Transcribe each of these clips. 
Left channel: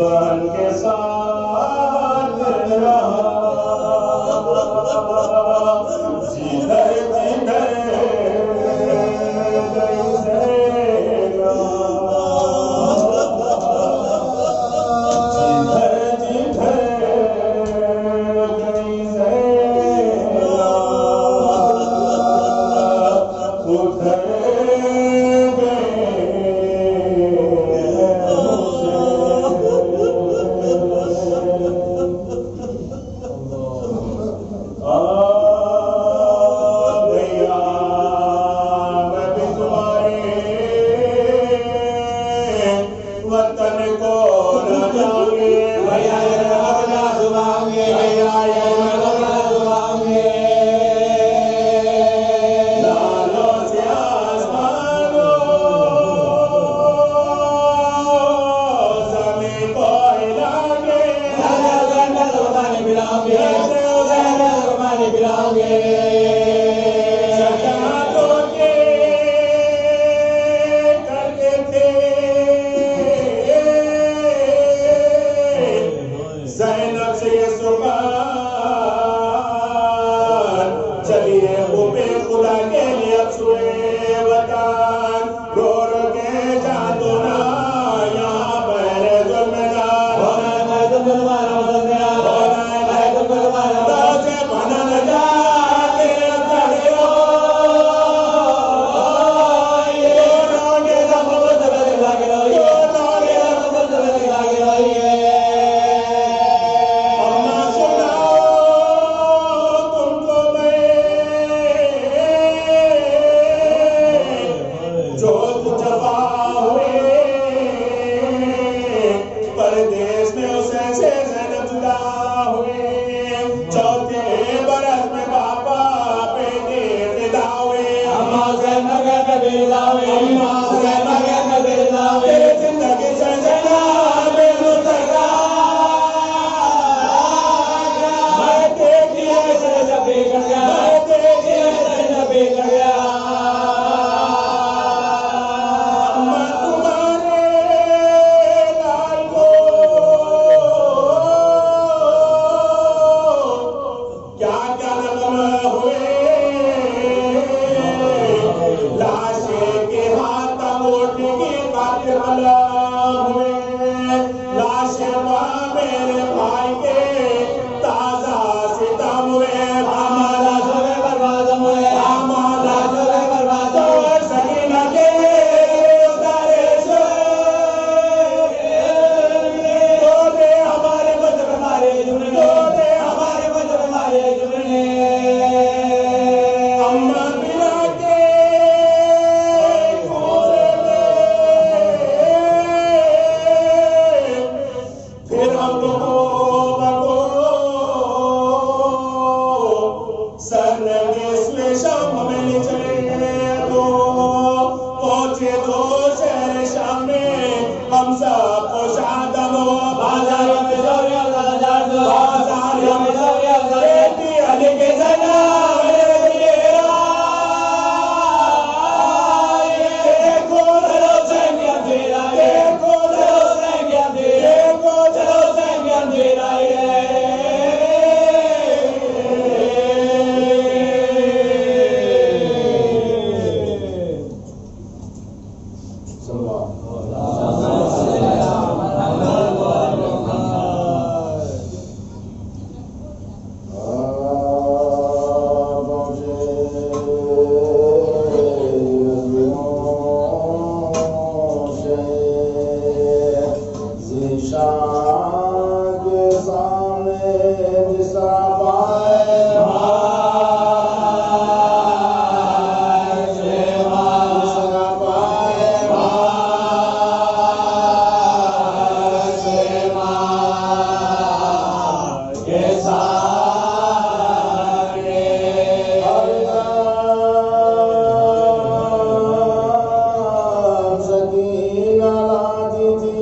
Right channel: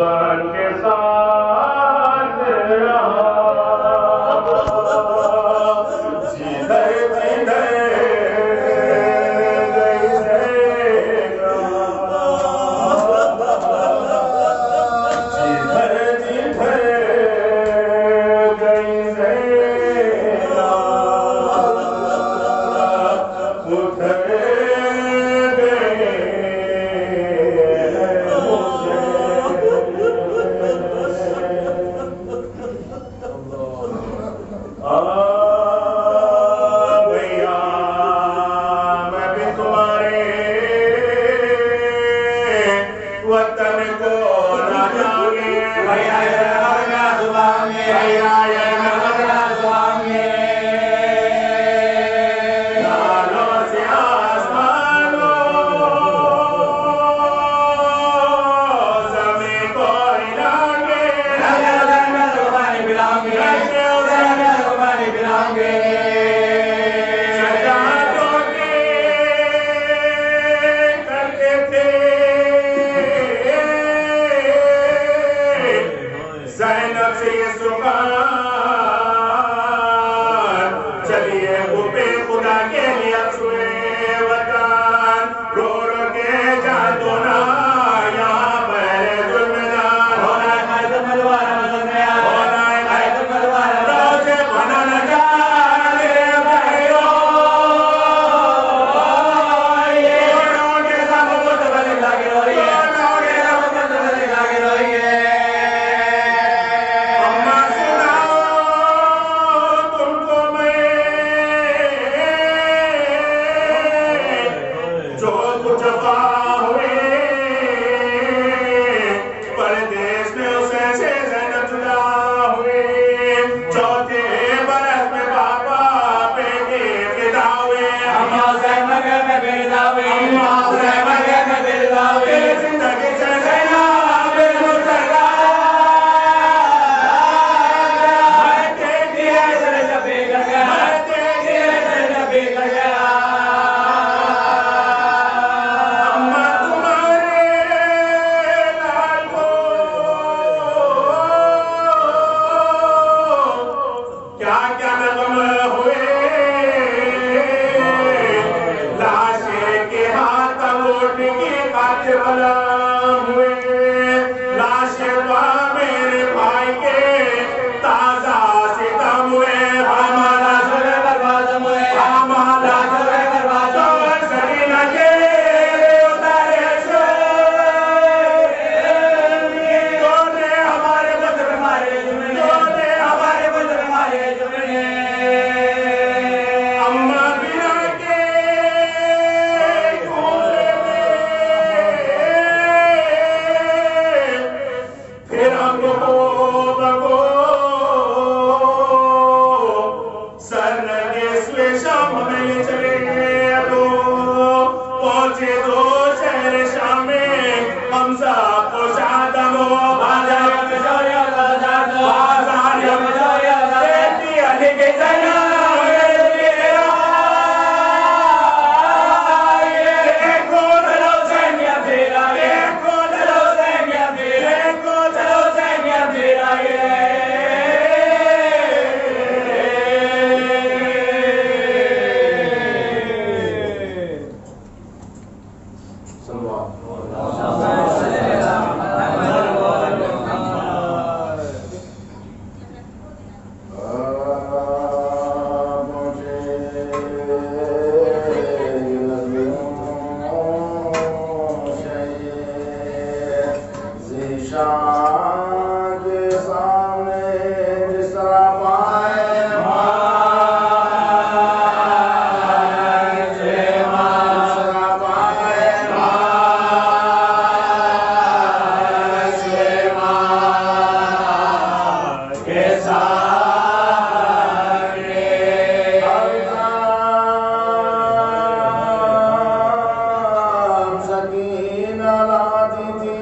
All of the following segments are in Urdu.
بن کے ساتھ رہا جدھر جدھر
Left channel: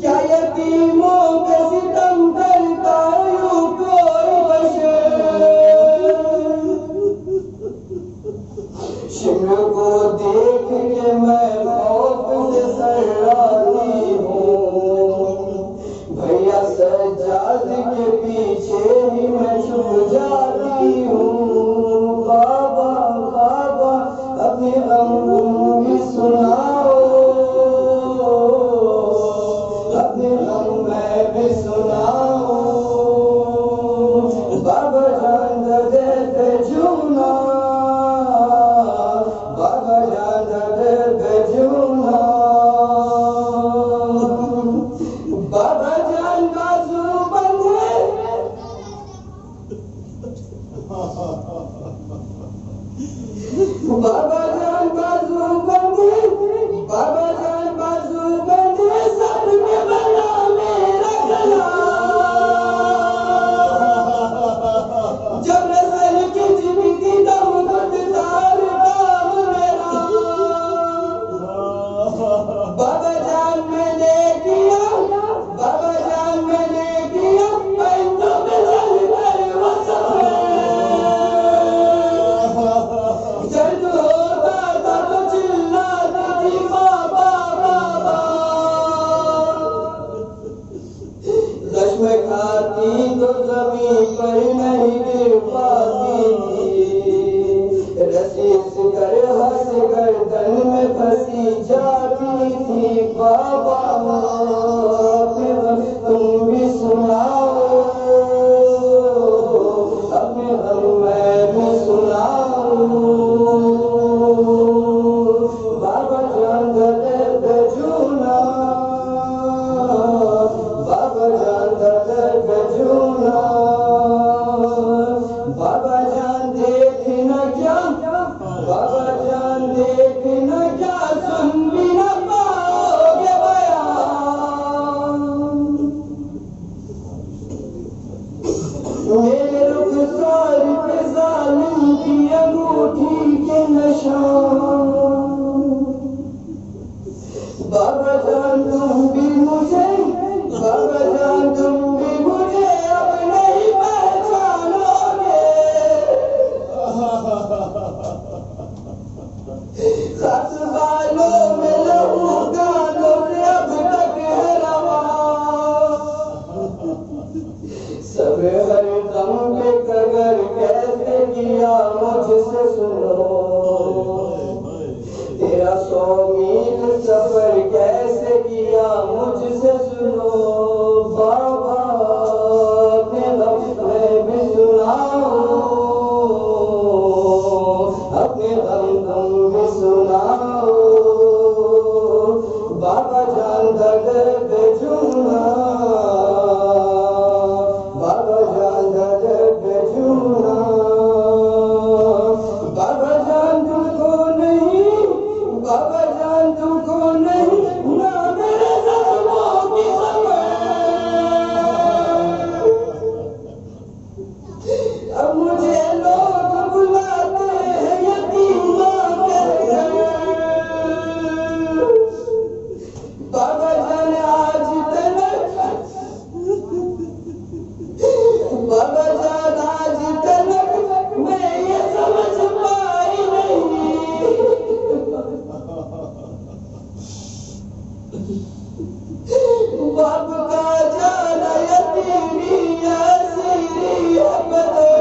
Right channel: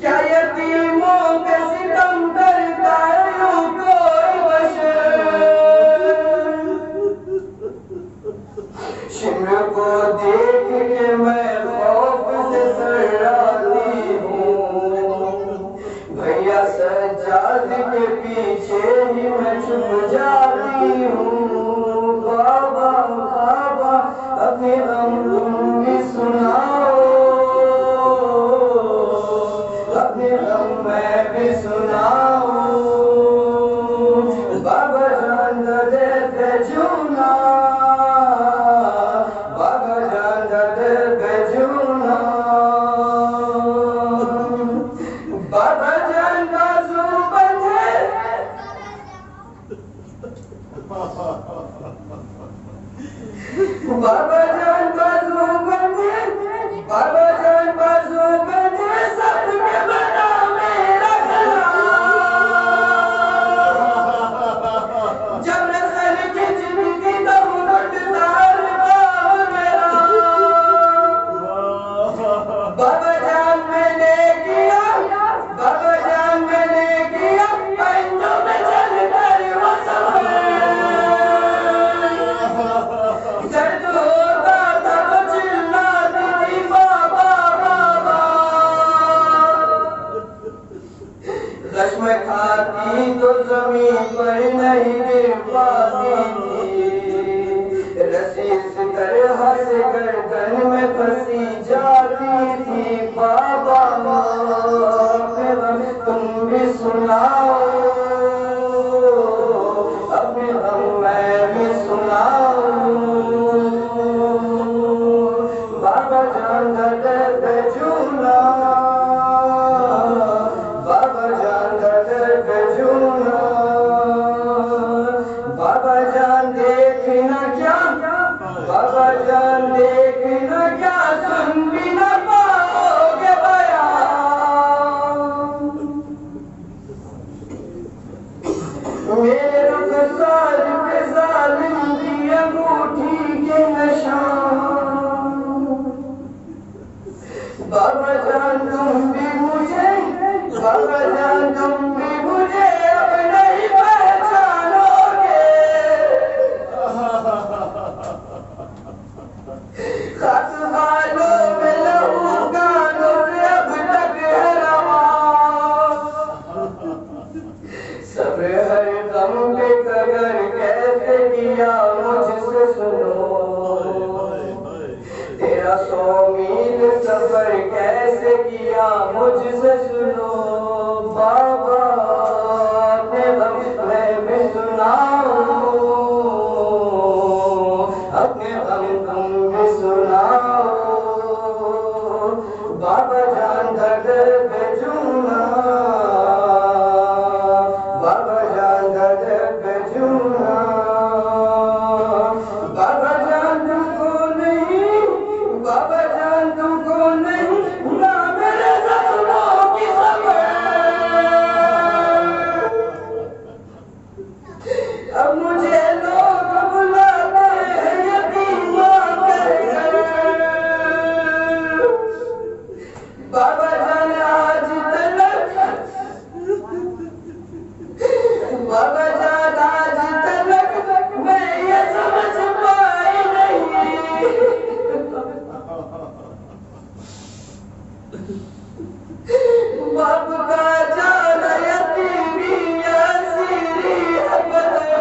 کیا یتیموں پہ ستم کرتا یوں کو بابا جان میں نے کیا، بابا جان میں نے کیا، جو میں چل کر وہ سفر، درد ہوتا تھا تو چلاتی تھی بابا بابا، زخم کھاتی تو زمین پر نہیں گر پاتی تھی، رسی اس طرح سے گردن میں پھنسی جاتی تھی بابا، اپنے غم تم بھی سناؤ، اپنے غم میں بھی سناؤ، بابا جان درد جونا، بابا جان درد جونا، بابا جان دیکھنا کیا، بابا جان دیکھنا کیا، سن بھی نہ پاؤ گے بیان، میرے رخسار پہ ظالم کی انگوٹھی کے نشان، بابا جان تم بھی مجھے، بابا جان تم بھی مجھے اب نہیں پہچانو گے، خط بالوں میں لہو گانوں سے اب تک ہے رواں، سب ہر غم پہ قدر کیسے کیا مجھ سے سنو، تیرا 100 میل سفر کیسے کیا مجھ سے سنو، بابا اپنے غم میں بھی سناؤ، اپنے غم تم بھی سناؤ، بابا جان درد جونا، بابا جان درد جونا، بابا جان تم کو نہیں، بابا جان تم کو نہیں، نہ میرے زخموں کی خبر، اب مجھے لوگ بلاتے ہیں یتیمہ کہہ کر، بابا جان آج تلک، بابا جان آج تلک میں یہ سمجھ پائی نہیں، باپ کا جانا یتیمی اسیری ہے بدر،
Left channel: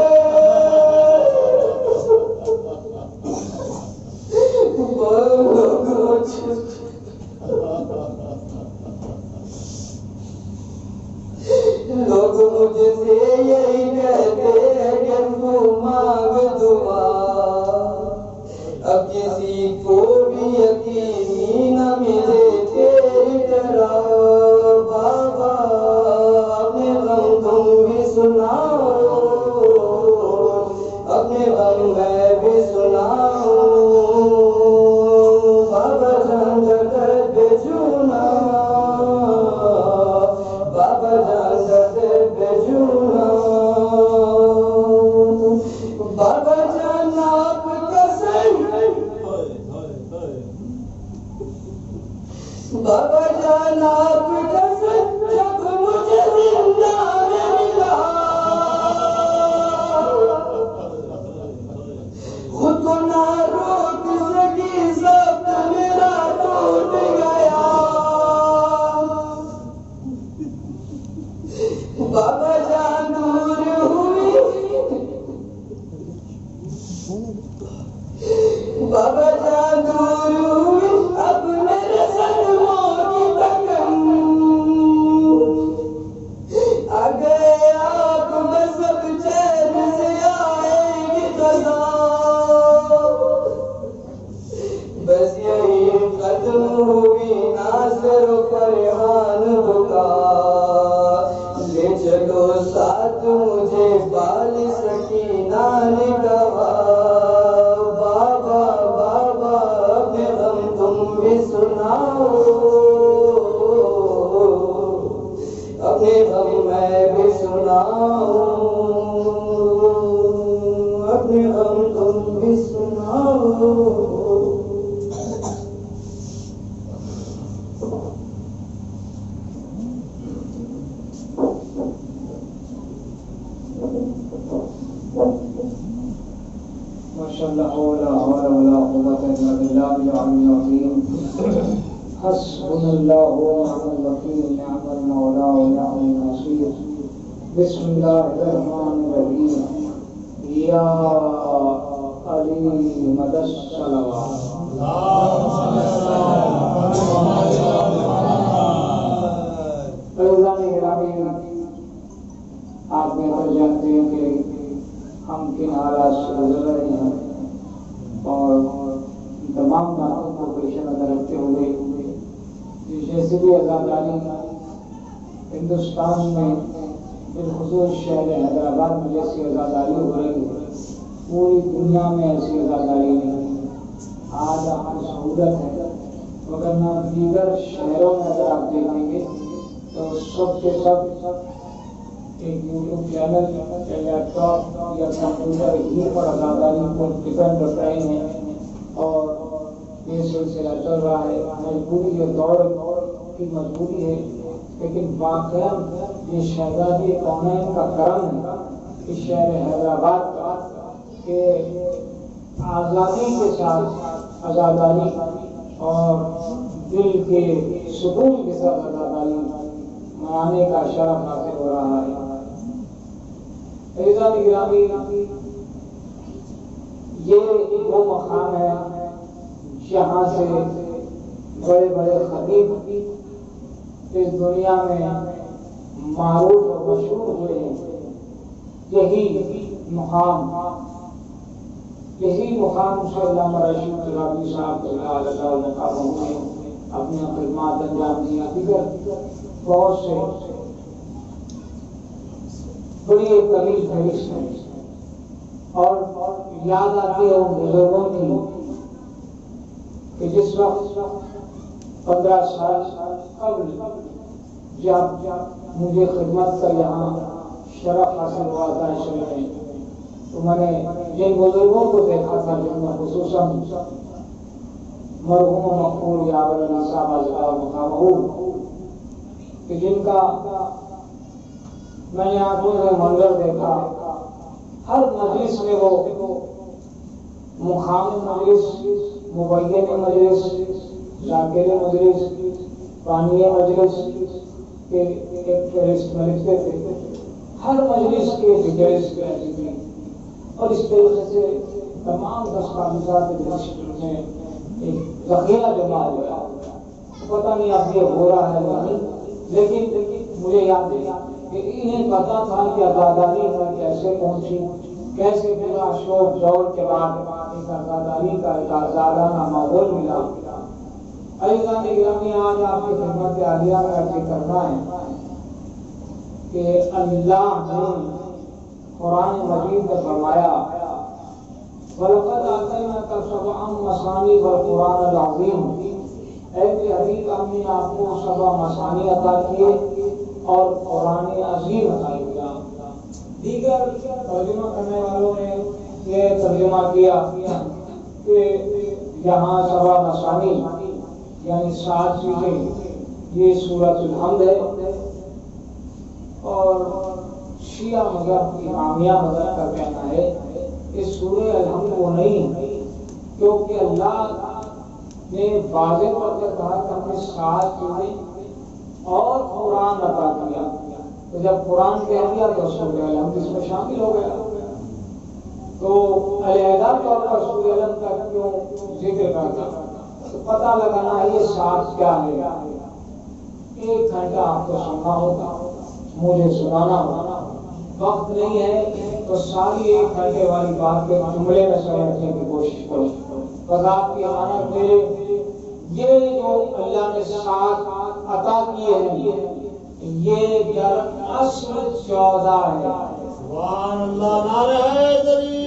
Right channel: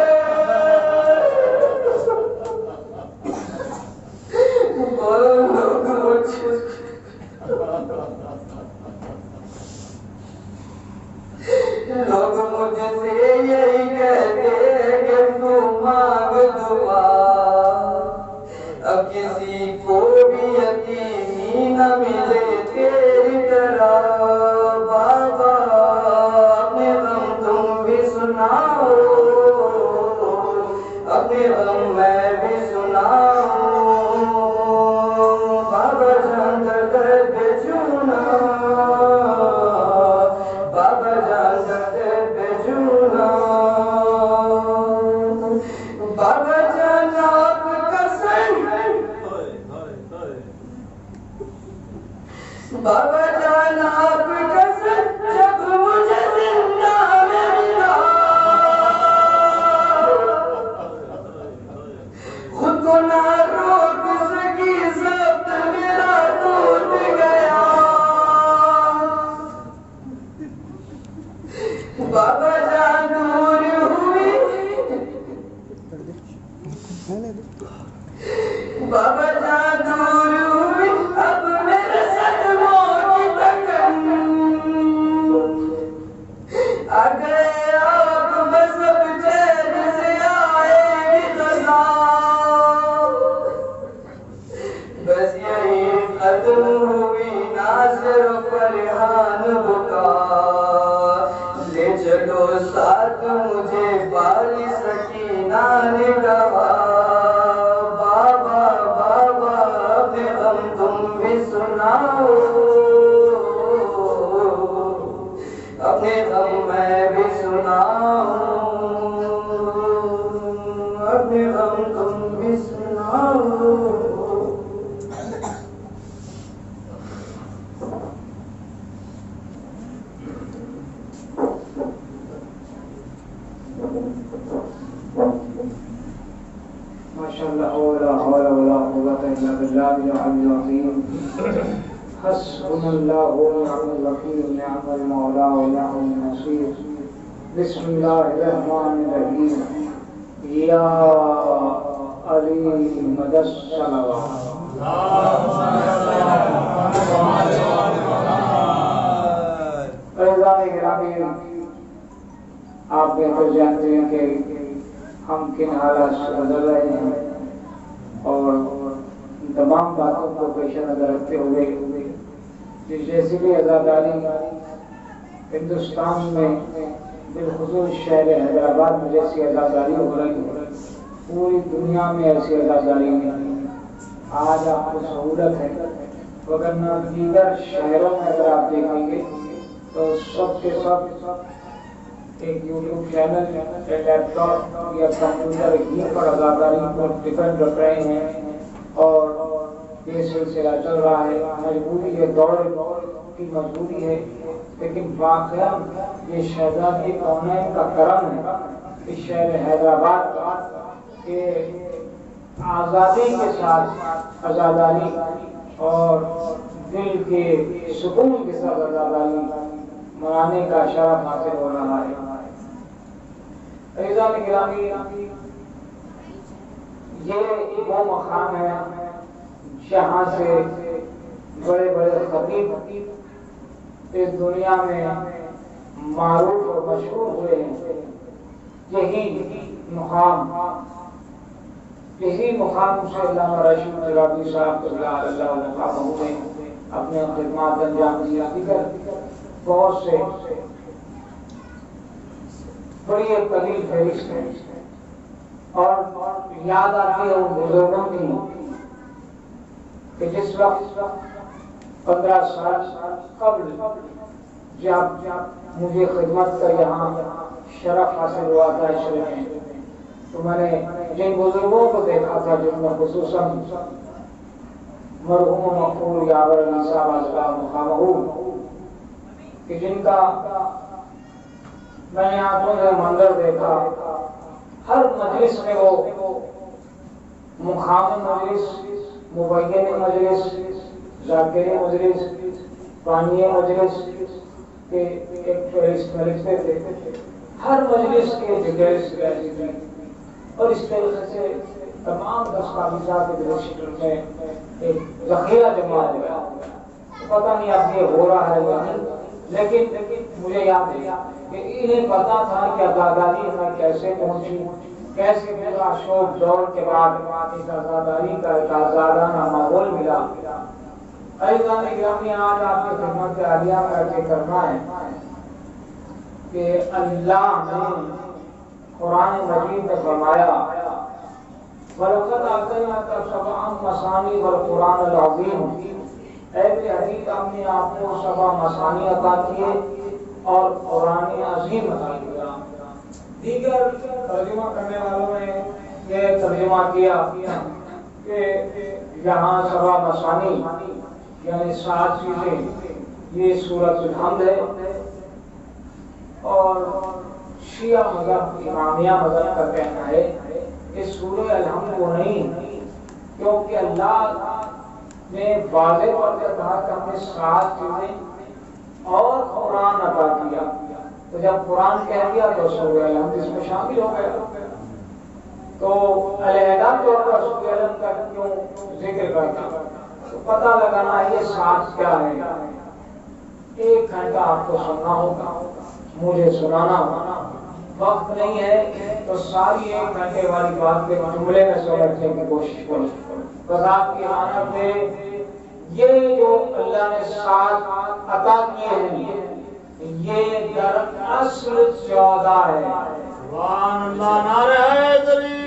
بولو کچھ، لوگ مجھ سے یہی کہتے ہیں کہ تو مانگ دعا، اب کسی کو بھی یتیمی نہ ملے تیری طرح، بابا اپنے غم تم بھی سناؤ، اپنے غم میں بھی سناؤ، بابا جان درد جونا، بابا جان درد جونا، بابا جان آپ کا سنگ، بابا جان آپ کا سنگ جب مجھے زندہ میں ملا، خود کو نہ روک سکی ضبط میرا ٹوٹ گیا، بابا جان دور ہوئی، بابا جان دور ہوئی، اب میرے صدموں کی تکن، آ گئے آپ بس اب چین سے آئے گی خزاں، بس یہی ختم ہوئی ناصر و فرحان بکا، لے چلو ساتھ مجھے بالی سکینہ نے کہا، بابا بابا اپنے غم تم بھی سناؤ، اپنے غم میں بھی سناؤ، اپنے غم تم بھی سناؤ، الله ولا حول ولا قوة إلا بالله العلي العظيم حسبنا الله ونعم الوكيل نعم المولى ونعم النصير بسم الله الرحمن الرحيم يا علي مدى الصلوات عزیزان گرامی آپ بہتر جانتے ہیں کہ ہم کن حالات سے گزر رہے ہیں اور تمام باتوں کو پیش نظر رکھتے ہوئے جیسے بھی عزاداری ہندوستان میں بالخصوص شہر حیدرآباد میں جیسی عزاداری ہو رہی ہے پوری دنیا میں ایسی عزاداری نہیں. آج آپ کو سہولت ہے وگرنہ دیگر شہروں میں اگر آپ دیکھیں گے تو سب کے سب ایک یوٹیوب چینل یا لیپ ٹاپ یا کمپیوٹر ہی پر عزاداری پر ڈپینڈ رکھ رہے ہیں اور یہ سلسلہ چل رہا ہے. مجبوری ہے, دور کی مجبوری ہے, لیکن واقعہ یہ شہزادی کونین کا کرم ہے اس شہر حیدرآباد کے آزادی کے ساتھ عزاداری اور دل کے سکون کے ساتھ عزاداری منانے کا شرف حاصل ہو رہا ہے. عزیزان گرامی, یہ وہ مقام ہے جہاں سے بڑے بڑے خطیب اس دنیا میں معروف اور مشہور ہوئے ہیں. یہی مقام سے علامہ رشید ربی صاحب اللہ مقاموں نے اپنے خدمات انجام دیا. دیگر بہت سے بڑی ایک طویل فہرست ہے اور یاد آتی ہے ان بزرگوں کی کہ جس وقت 15 سال قبل جب مجھے خدمت کا یہاں شرف حاصل ہوا تھا شہر میں, تو میں نے جن بزرگوں کو دیکھا تھا جن میں خصوصاً مرحوم مقبول یاور علی صاحب مقامہ کہ جن کا میں نے آنکھوں میں منظر دیکھا, ہر مجلس میں وہ مقام مجلس, مبین مجلس, ذاکری مجلس, پانی مجلس کے ایک فہرست میں لکھتے تھے. ہر مجلس کے ڈیٹیلز رہتی تھی اور اس طریقے سے تمام دستاویزات کے رجسٹر میں ایک ذخیرہ جمع ہو گیا. پتہ نہیں اب یہ ہو رہا ہے یا نہیں, لیکن مجھے یاد ہے کہ انہیں پتا تھا کہ عزاداری میں کیسے پہنچی, کیسے میرا شوق دور کے بعد اس عزاداری کا ایک آزادانہ ماحول ملا. عزیزان گرامی, آج آپ کی خدمت عالیہ میں عرض کرنا ہے کہ اللہ نے قرآن مجید میں فرمایا وَلَقَدْ آتَيْنَاكَ سَبْعًا مَثَانِيَ وَالْقُرْآنَ الْعَظِيمَ. اے حبیب, ہم نے آپ کو 7 مثانی عطا کیے اور قرآن عظیم عطا کیا. دیگر ترجمہ کرنے والوں نے یہ ترجمہ کیا کہ یہاں 7 مثانی یعنی 7 چیزیں, یہ سورۃ الحمد ہے اور شیعہ مذہب امامیہ مذہب کا کہنا ہے اس سورہ الحمد وہ نہیں, کیونکہ اللہ نے واضح طور پر کہا کہ ہم نے 7 چیزیں اور قرآن عطا کیا. تو جب قرآن کہہ دیا تو سورہ الحمد اس میں شامل ہو گیا. تو علیحدہ طور پر سورہ الحمد کا کیوں ذکر کرتا, تو پتہ لگانا ہے یہ 7 کیا ہے. 1 گھنٹہ آپ کو سننا ہوگا, مجھے سنانا ہوگا, وقت نہیں ہے تو ساری 1 گھنٹے والی بات کے جملے میں سمجھنے کی کوشش کرو. بس آپ کی امانت میں یہ جو اللہ نے 7 عطا کیے ہیں یہ در اصل 14 ہے. سبحان اللہ, نعرہ حیدری,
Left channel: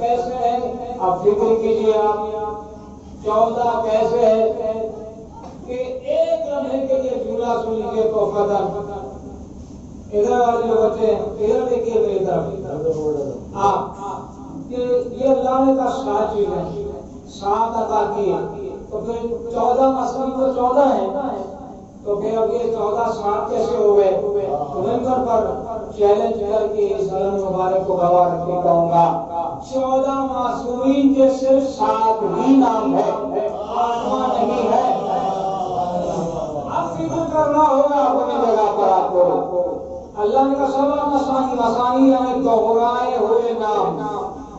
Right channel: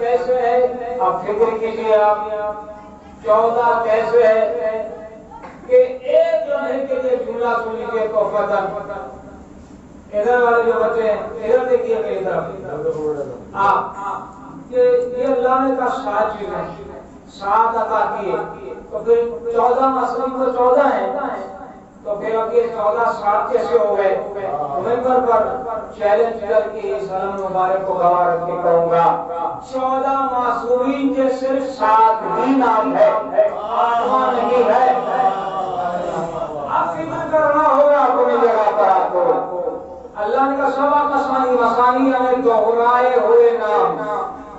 کیسے ہے اب فکر کیجیے آپ. 14 کیسے ہے کہ 1 لمحے کے لیے جملہ سن لیجیے تو پتہ. ادھر والے جو بچے ہیں ادھر دیکھیے میری طرف, آپ یہ اللہ نے کہا 7 چیزیں, 7 عطا کیے تو پھر 14 مثلا تو 14 ہیں تو پھر اب یہ 14 7 کیسے ہو گئے؟ ممبر پر چیلنج کر کے اس علم مبارک کو گواہ رکھ کے کہوں گا 14 معصومین کے صرف 7 ہی نام ہے، 8واں نہیں ہے۔ اب فکر کرنا ہوگا اپنی جگہ پر آپ کو۔ اللہ نے کہا سبا مسانی، مسانی یعنی دوہرائے ہوئے نام،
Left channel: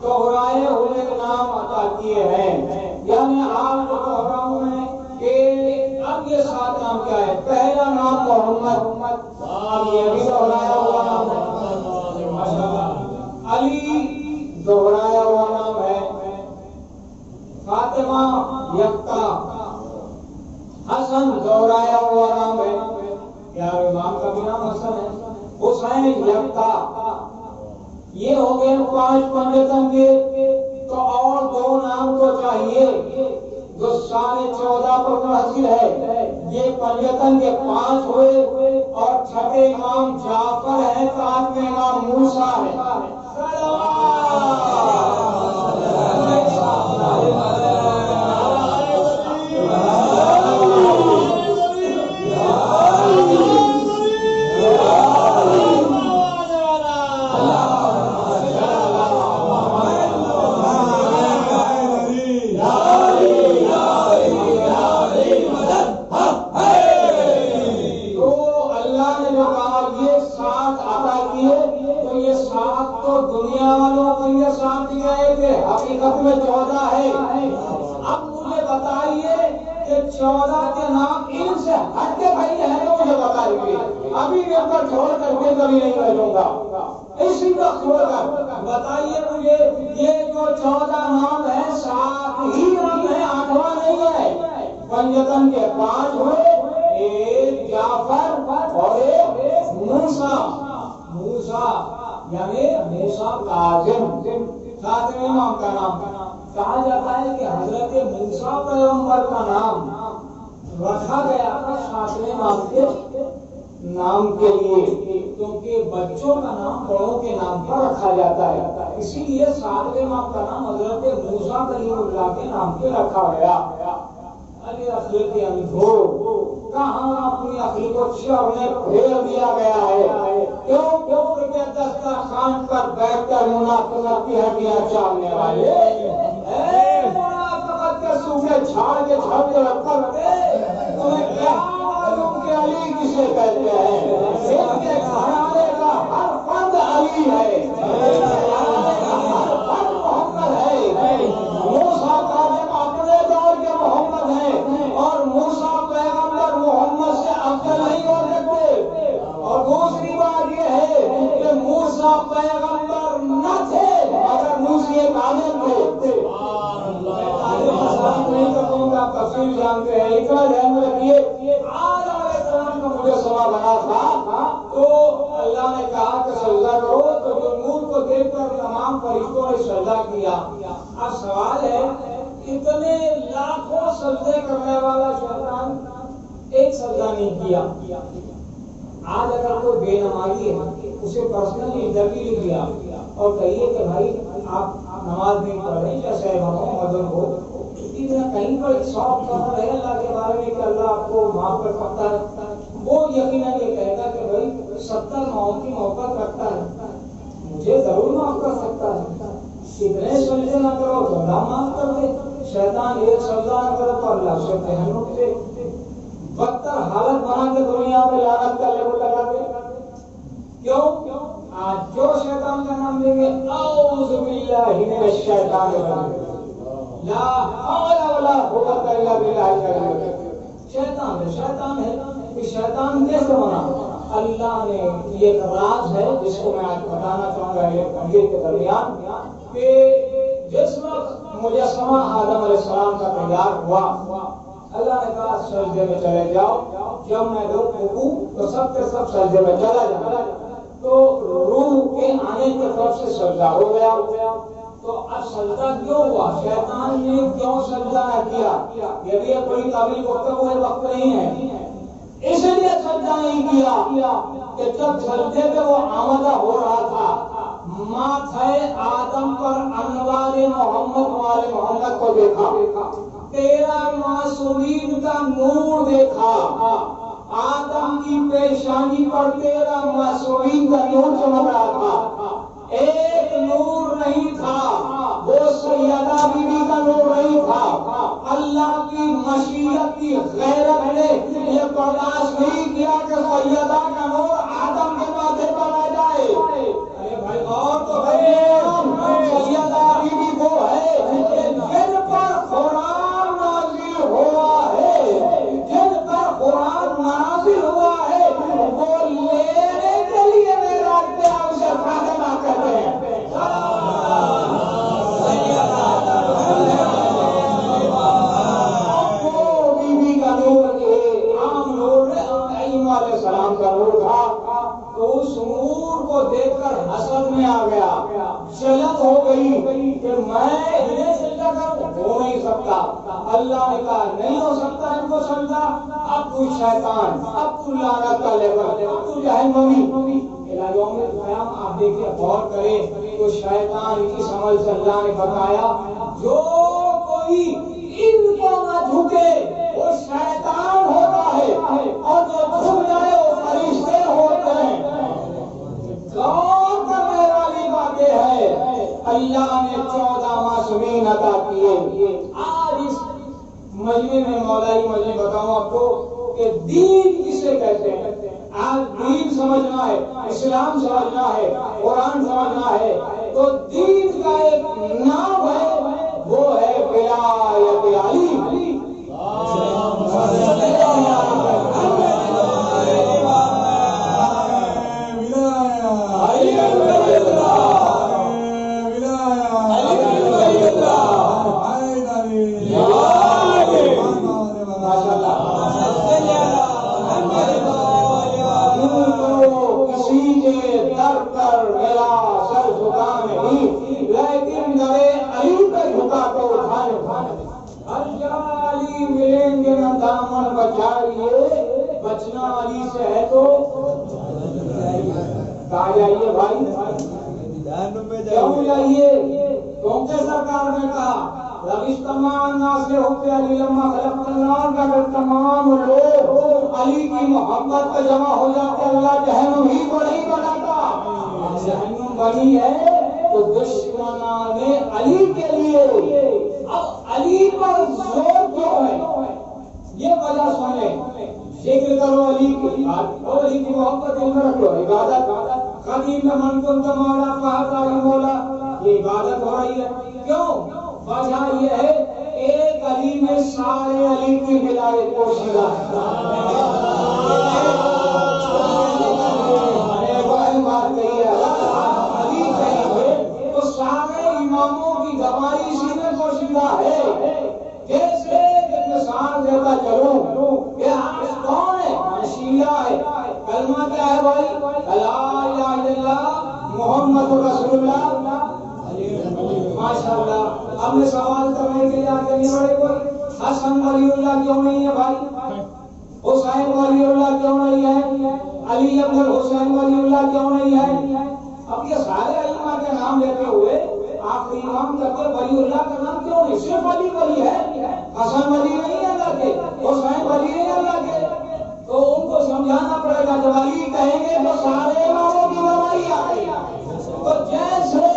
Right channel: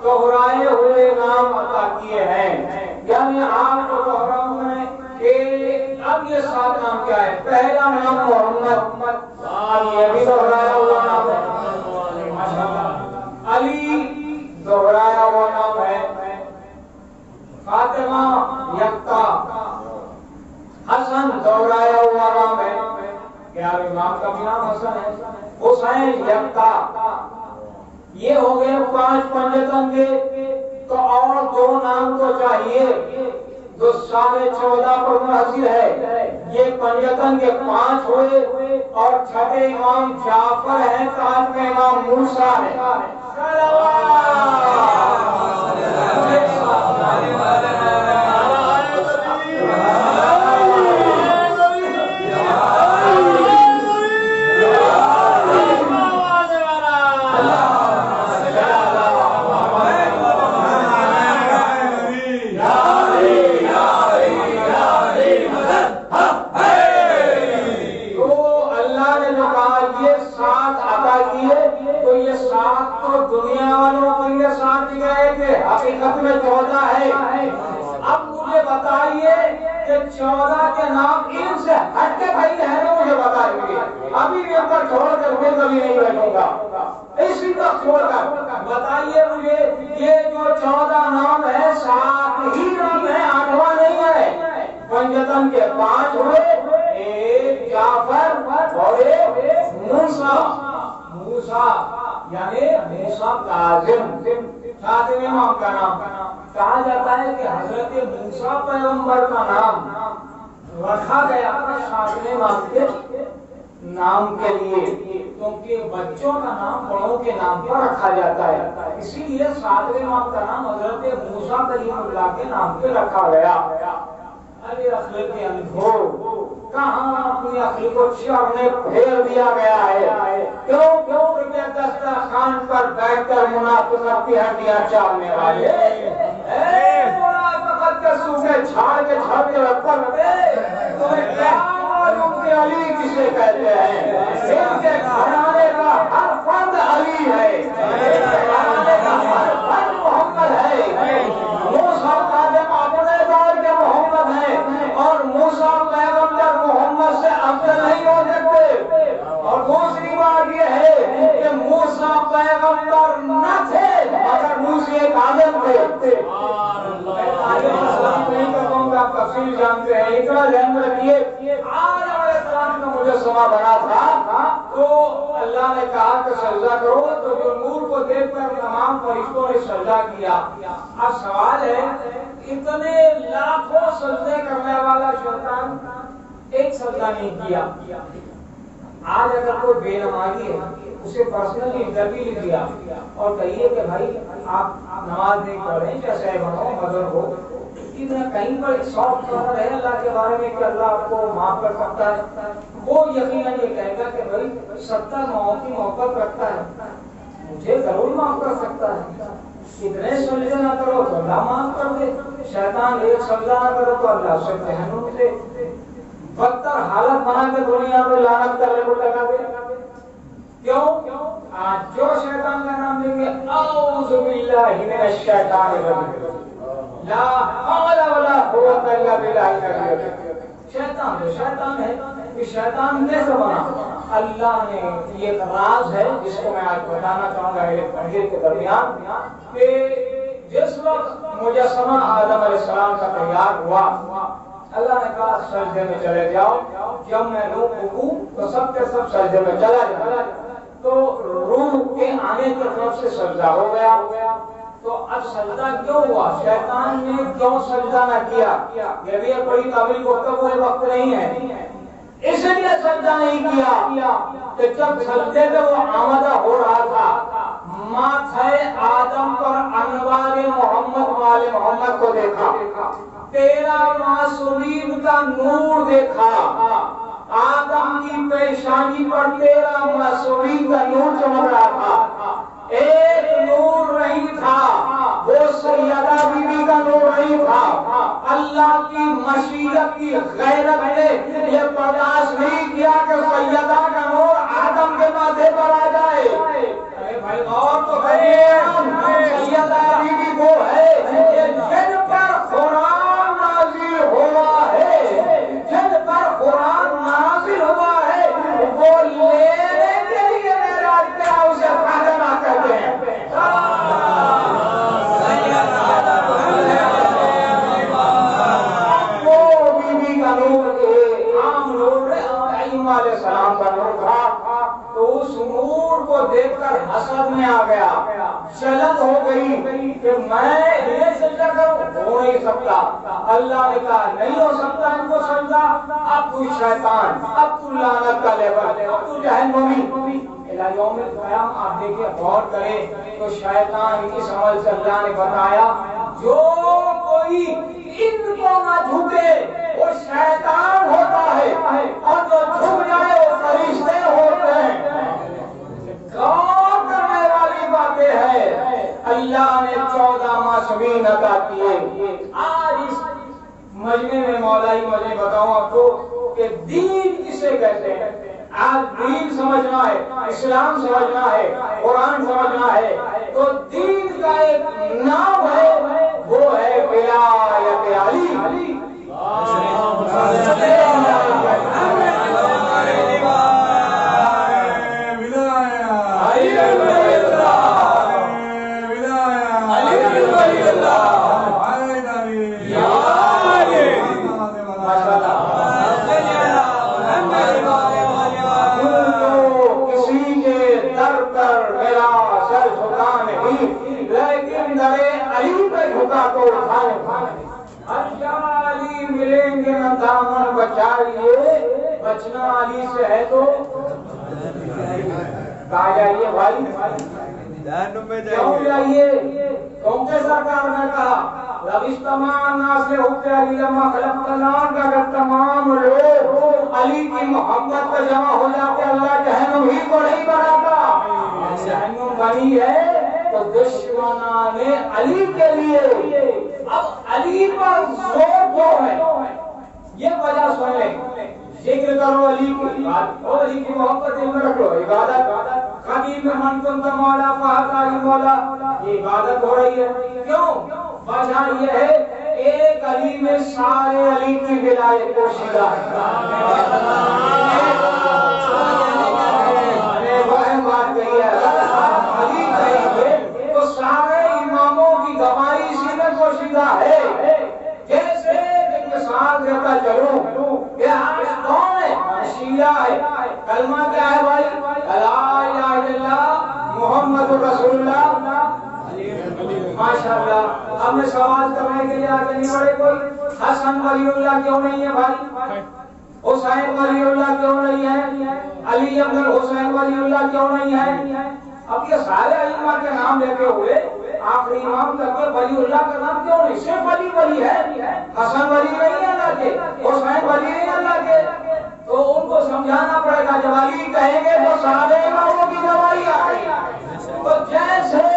دوہرائے ہوئے نام عطا کیے ہیں، یعنی آپ کو دوہراؤں میں کہ اب یہ 7 نام کیا ہے؟ پہلا نام محمد، اب یہ بھی دوہرایا ہوا نام ہے، ماشاءاللہ۔ علی دوہرایا ہوا نام ہے، فاطمہ یکتا، حسن دوہرایا ہوا نام ہے، کیا امام کا بھی نام حسن ہے، حسین یکتا۔ یہ ہو گئے 5 پنجتن کے، تو اور 2 نام تو چاہیے جو 14.5 پر منحصر ہے۔ یہ پنجتن کے 5 ہوئے اور چھٹے امام جعفر ہیں، 8واں امام موسیٰ ہے۔ دنیا والوں کو یہ ساتھ دیا ہے کہ حقیقت میں 14 ہے۔ اب مجھے بتائیے کہ 14 کے نام ان سے ہٹ کے بھائی ہے تو مجھے بتائیے، ابھی بھی پر چھوڑ کر میں کبھی نہیں بیٹھوں گا، اسی کا چھوڑ کر بتائیے مجھے یہ جو 14 نام ہے 7 ہی نام ہے، 8واں نہیں ہے۔ پنجتن کے 5 ہوئے، ایک جعفر اور ایک موسیٰ، موسیٰ یعنی موسیٰ کاظم، 7ویں امام کا نام۔ کہا جاتا ہے کہ حضرت موسیٰ پیغمبر کا نام رکھا گیا 7ویں امام کے نام کے لیے، کیونکہ بچوں کا نام بڑوں کے نام پر رکھا جاتا ہے، اسی لیے 7ویں امام کا نام حضرت موسیٰ کلیم اللہ کے نام پہ رکھا گیا۔ علی اخلاق اندھو، کہاں اپنی عقل کو شر میں پھیر دیا گیا ہے، کیوں کہ دسترخوان پر بیٹھ کر منافقت کی ہڈیاں چالنے والے، منافقت کے سوکھے چھاڑ کے چھاڑتے رکھتے تمہیں کیا معلوم کہ علی کسے کہتے ہیں؟ ان کے گھرانے کا ہر فرد علی ہے، ہر فرد محمد ہے۔ موسیٰ کاظم اپنے دور کے محمد ہیں اور موسیٰ پیغمبر محمد سے افضل نہیں ہو سکتے۔ اور دوسری بات یہ ہے کہ موسیٰ پیغمبر نہ تھے مگر موسیٰ کاظم تھے۔ آپ تفصیل جانتے ہیں، اتنا ذہن میں رکھیے۔ آج علیہ السلام کا مجسمہ بنا تھا تو اللہ نے کہا کہ سجدہ کرو، تو جو نور کو دیکھ کر تمام فرشتوں نے سجدہ کیا۔ اب سوال ہے اتنے لاکھوں سجدے کرنے والا شیطان ایک سجدہ نہیں کیا۔ آج اگر کوئی بے نمازی ہے اسے پرسنلی انٹرویو لے دیا اور کہیے کہ بھائی آپ نماز نہیں پڑھ رہے، جیسے مدر ہو، کہیں پر 100% ہے اللہ کے بارے میں کہ اللہ آپ کو معاف کر سکتا ہے، وہ یقیناً یہ کہے گا کہ بھائی 70 موت کی محبت رکھتا ہے، مجھے ضرور معاف کر سکتا ہے۔ اتنے سجدے نہ کرو تو اللہ معاف کر دے، شیطان ایک سجدہ نہ کرو تو اللہ سے جہنم دے، بدتر حالت بنا کے دنیا میں لعنت کرنے کو لگا دے۔ کیوں؟ آج جو شیطان کا نام لیں گے اعوذ باللہ من الشیطان الرجیم، لا حول ولا قوت الا باللہ العلی۔ شیطان تو شیطان ہے، کہ شیطان کیسے بنا؟ اللہ نے یہ ایک راز ہے جس کو میں آج بتانا چاہوں گا ایک تحریر کے درمیان، کہ جس وقت مجسمہ آدم علیہ السلام کا تیار ہوا، اللہ نے کہا سجدے میں چلے جاؤ، جب میں روح رکوع تو سب کے سب سجدے میں چلا جاؤ، تو روح کے آنے کی طرف سے سجدہ ہو گیا۔ تو اب سجدہ کیوں ہوا؟ شیطان نے کیوں سجدہ نہ کیا؟ یہ بھی ایک بڑی تعبیر گفتگو ہے، وقت نہیں ہے، اس لیے سجدہ نہیں کیا کہ جب سجدے پہ وہ آمادہ ہو رہا تھا ماتھے آدم پر انوار محمد وال محمد کو دیکھا، تیرا معصومین کا نور دیکھا، آدم کی پیشانی پر تیرا معصومین کا نور چمک رہا تھا۔ ایک نور نہیں تھا، وہ سیدہ بی بی کا نور نہیں تھا۔ اللہ کی مشیت کی غیرت نے یہ برداشت نہیں کیا کہ سیدہ کا نور آدم کے ماتھے پر آ جائے۔ ارے بھائی غور تو سیدہ بی بی وہ ہے جن پر قرآن نازل ہوا ہے، جن پر قرآن نازل ہوا ہے، وہ لینے کے لیے معراج پہ اسے فاطمہ کہتے ہیں۔ وہ بی بی کا نور عام نور ابراہیم علیہ السلام کا نور تھا، تو اس نور کو دیکھ کر حسد میں آ گیا، جلن ہو گئی کہ میں انہیں سجدہ کروں، ہو نہیں سکتا۔ اللہ نے کہا نہیں ہو سکتا ان کو سجدہ، اب تو شیطان، اب تو لعنت کا لیبل، اب تو جہنمی۔ الہ یوم القیامہ آپ دیکھیں غور کریں تو شیطان اس عمل سے اللہ نے بتایا جو کوئی ان کو نہ جھکے وہ شیطان ہوتا ہے، اور جو جھک جائے وہ فرشتے ہوتے ہیں۔ غور کرنے والی باتیں ہیں۔ اللہ نے 14 معصومین عطا کیے۔ آج اس مجمع میں مولائی مجھے بتاؤں آپ کو کہ دین کسے کہتے ہیں۔ آج دین سمجھنا ہے، اسلام سمجھنا ہے، قرآن سمجھنا ہے، تو دین کا ایک نام ہے، وہ ہے ولایت علی۔ دامن بچائیے، بچنا علی سے ہے تو کہا جائیے بھائی کیوں جائیے، کیونکہ سرکار نے کہا لبستمان ناس لحب علی لما خلقت النار، کا اگر تمام لوگ علی کی محبت پہ جمع ہو جاتے اللہ جہنم ہی کو نہیں بناتا۔ جہنم بنی ہے تو دشمنان علی کے لیے۔ اب علی پر زور کیوں ہے یہ وجہ سنیں، ذکر کرو علی کی، اور علی کی محبت دل میں رکھو، عبادت خدیم من کنت مولا فہذا مولا، یہ عبادت ہو رہی ہے۔ کیوں؟ وجہ یہ ہے ایک علی میں سارے علی کی ولایت پوشیدہ ہے۔ بات کہی ہے علی کہیں تو سارے اماموں کی گواہی اسی میں پوشیدہ ہے۔ جیسے ایک مثال دیتا چلوں کہ کون ہے؟ شیعہ ہے، کلمہ کیا ہے بھائی؟ لا الہ الا اللہ محمد رسول اللہ۔ ماشاءاللہ، اب میں سوال کرنے کے لیے آگے نہیں بڑھے کوئی، حسن ولی اللہ کیوں نہیں ہے بھائی؟ حسین ولی اللہ کیوں نہیں ہے؟ علی ابن حسین ولی اللہ کیوں نہیں ہے؟ اب یہ سارے ائمہ کے نام لیتے ہوئے آخری امام تک کے ولی اللہ کا نام کیوں نہیں؟ صرف علی ولی ہے، حسن ولی نہیں ہے اللہ کے، حسین ولی نہیں اللہ کے۔ تو ان کو سمجھانا پڑے گا جب علی کہیں گے تو سارے اماموں کی گواہی آ گئی۔ تو جیسے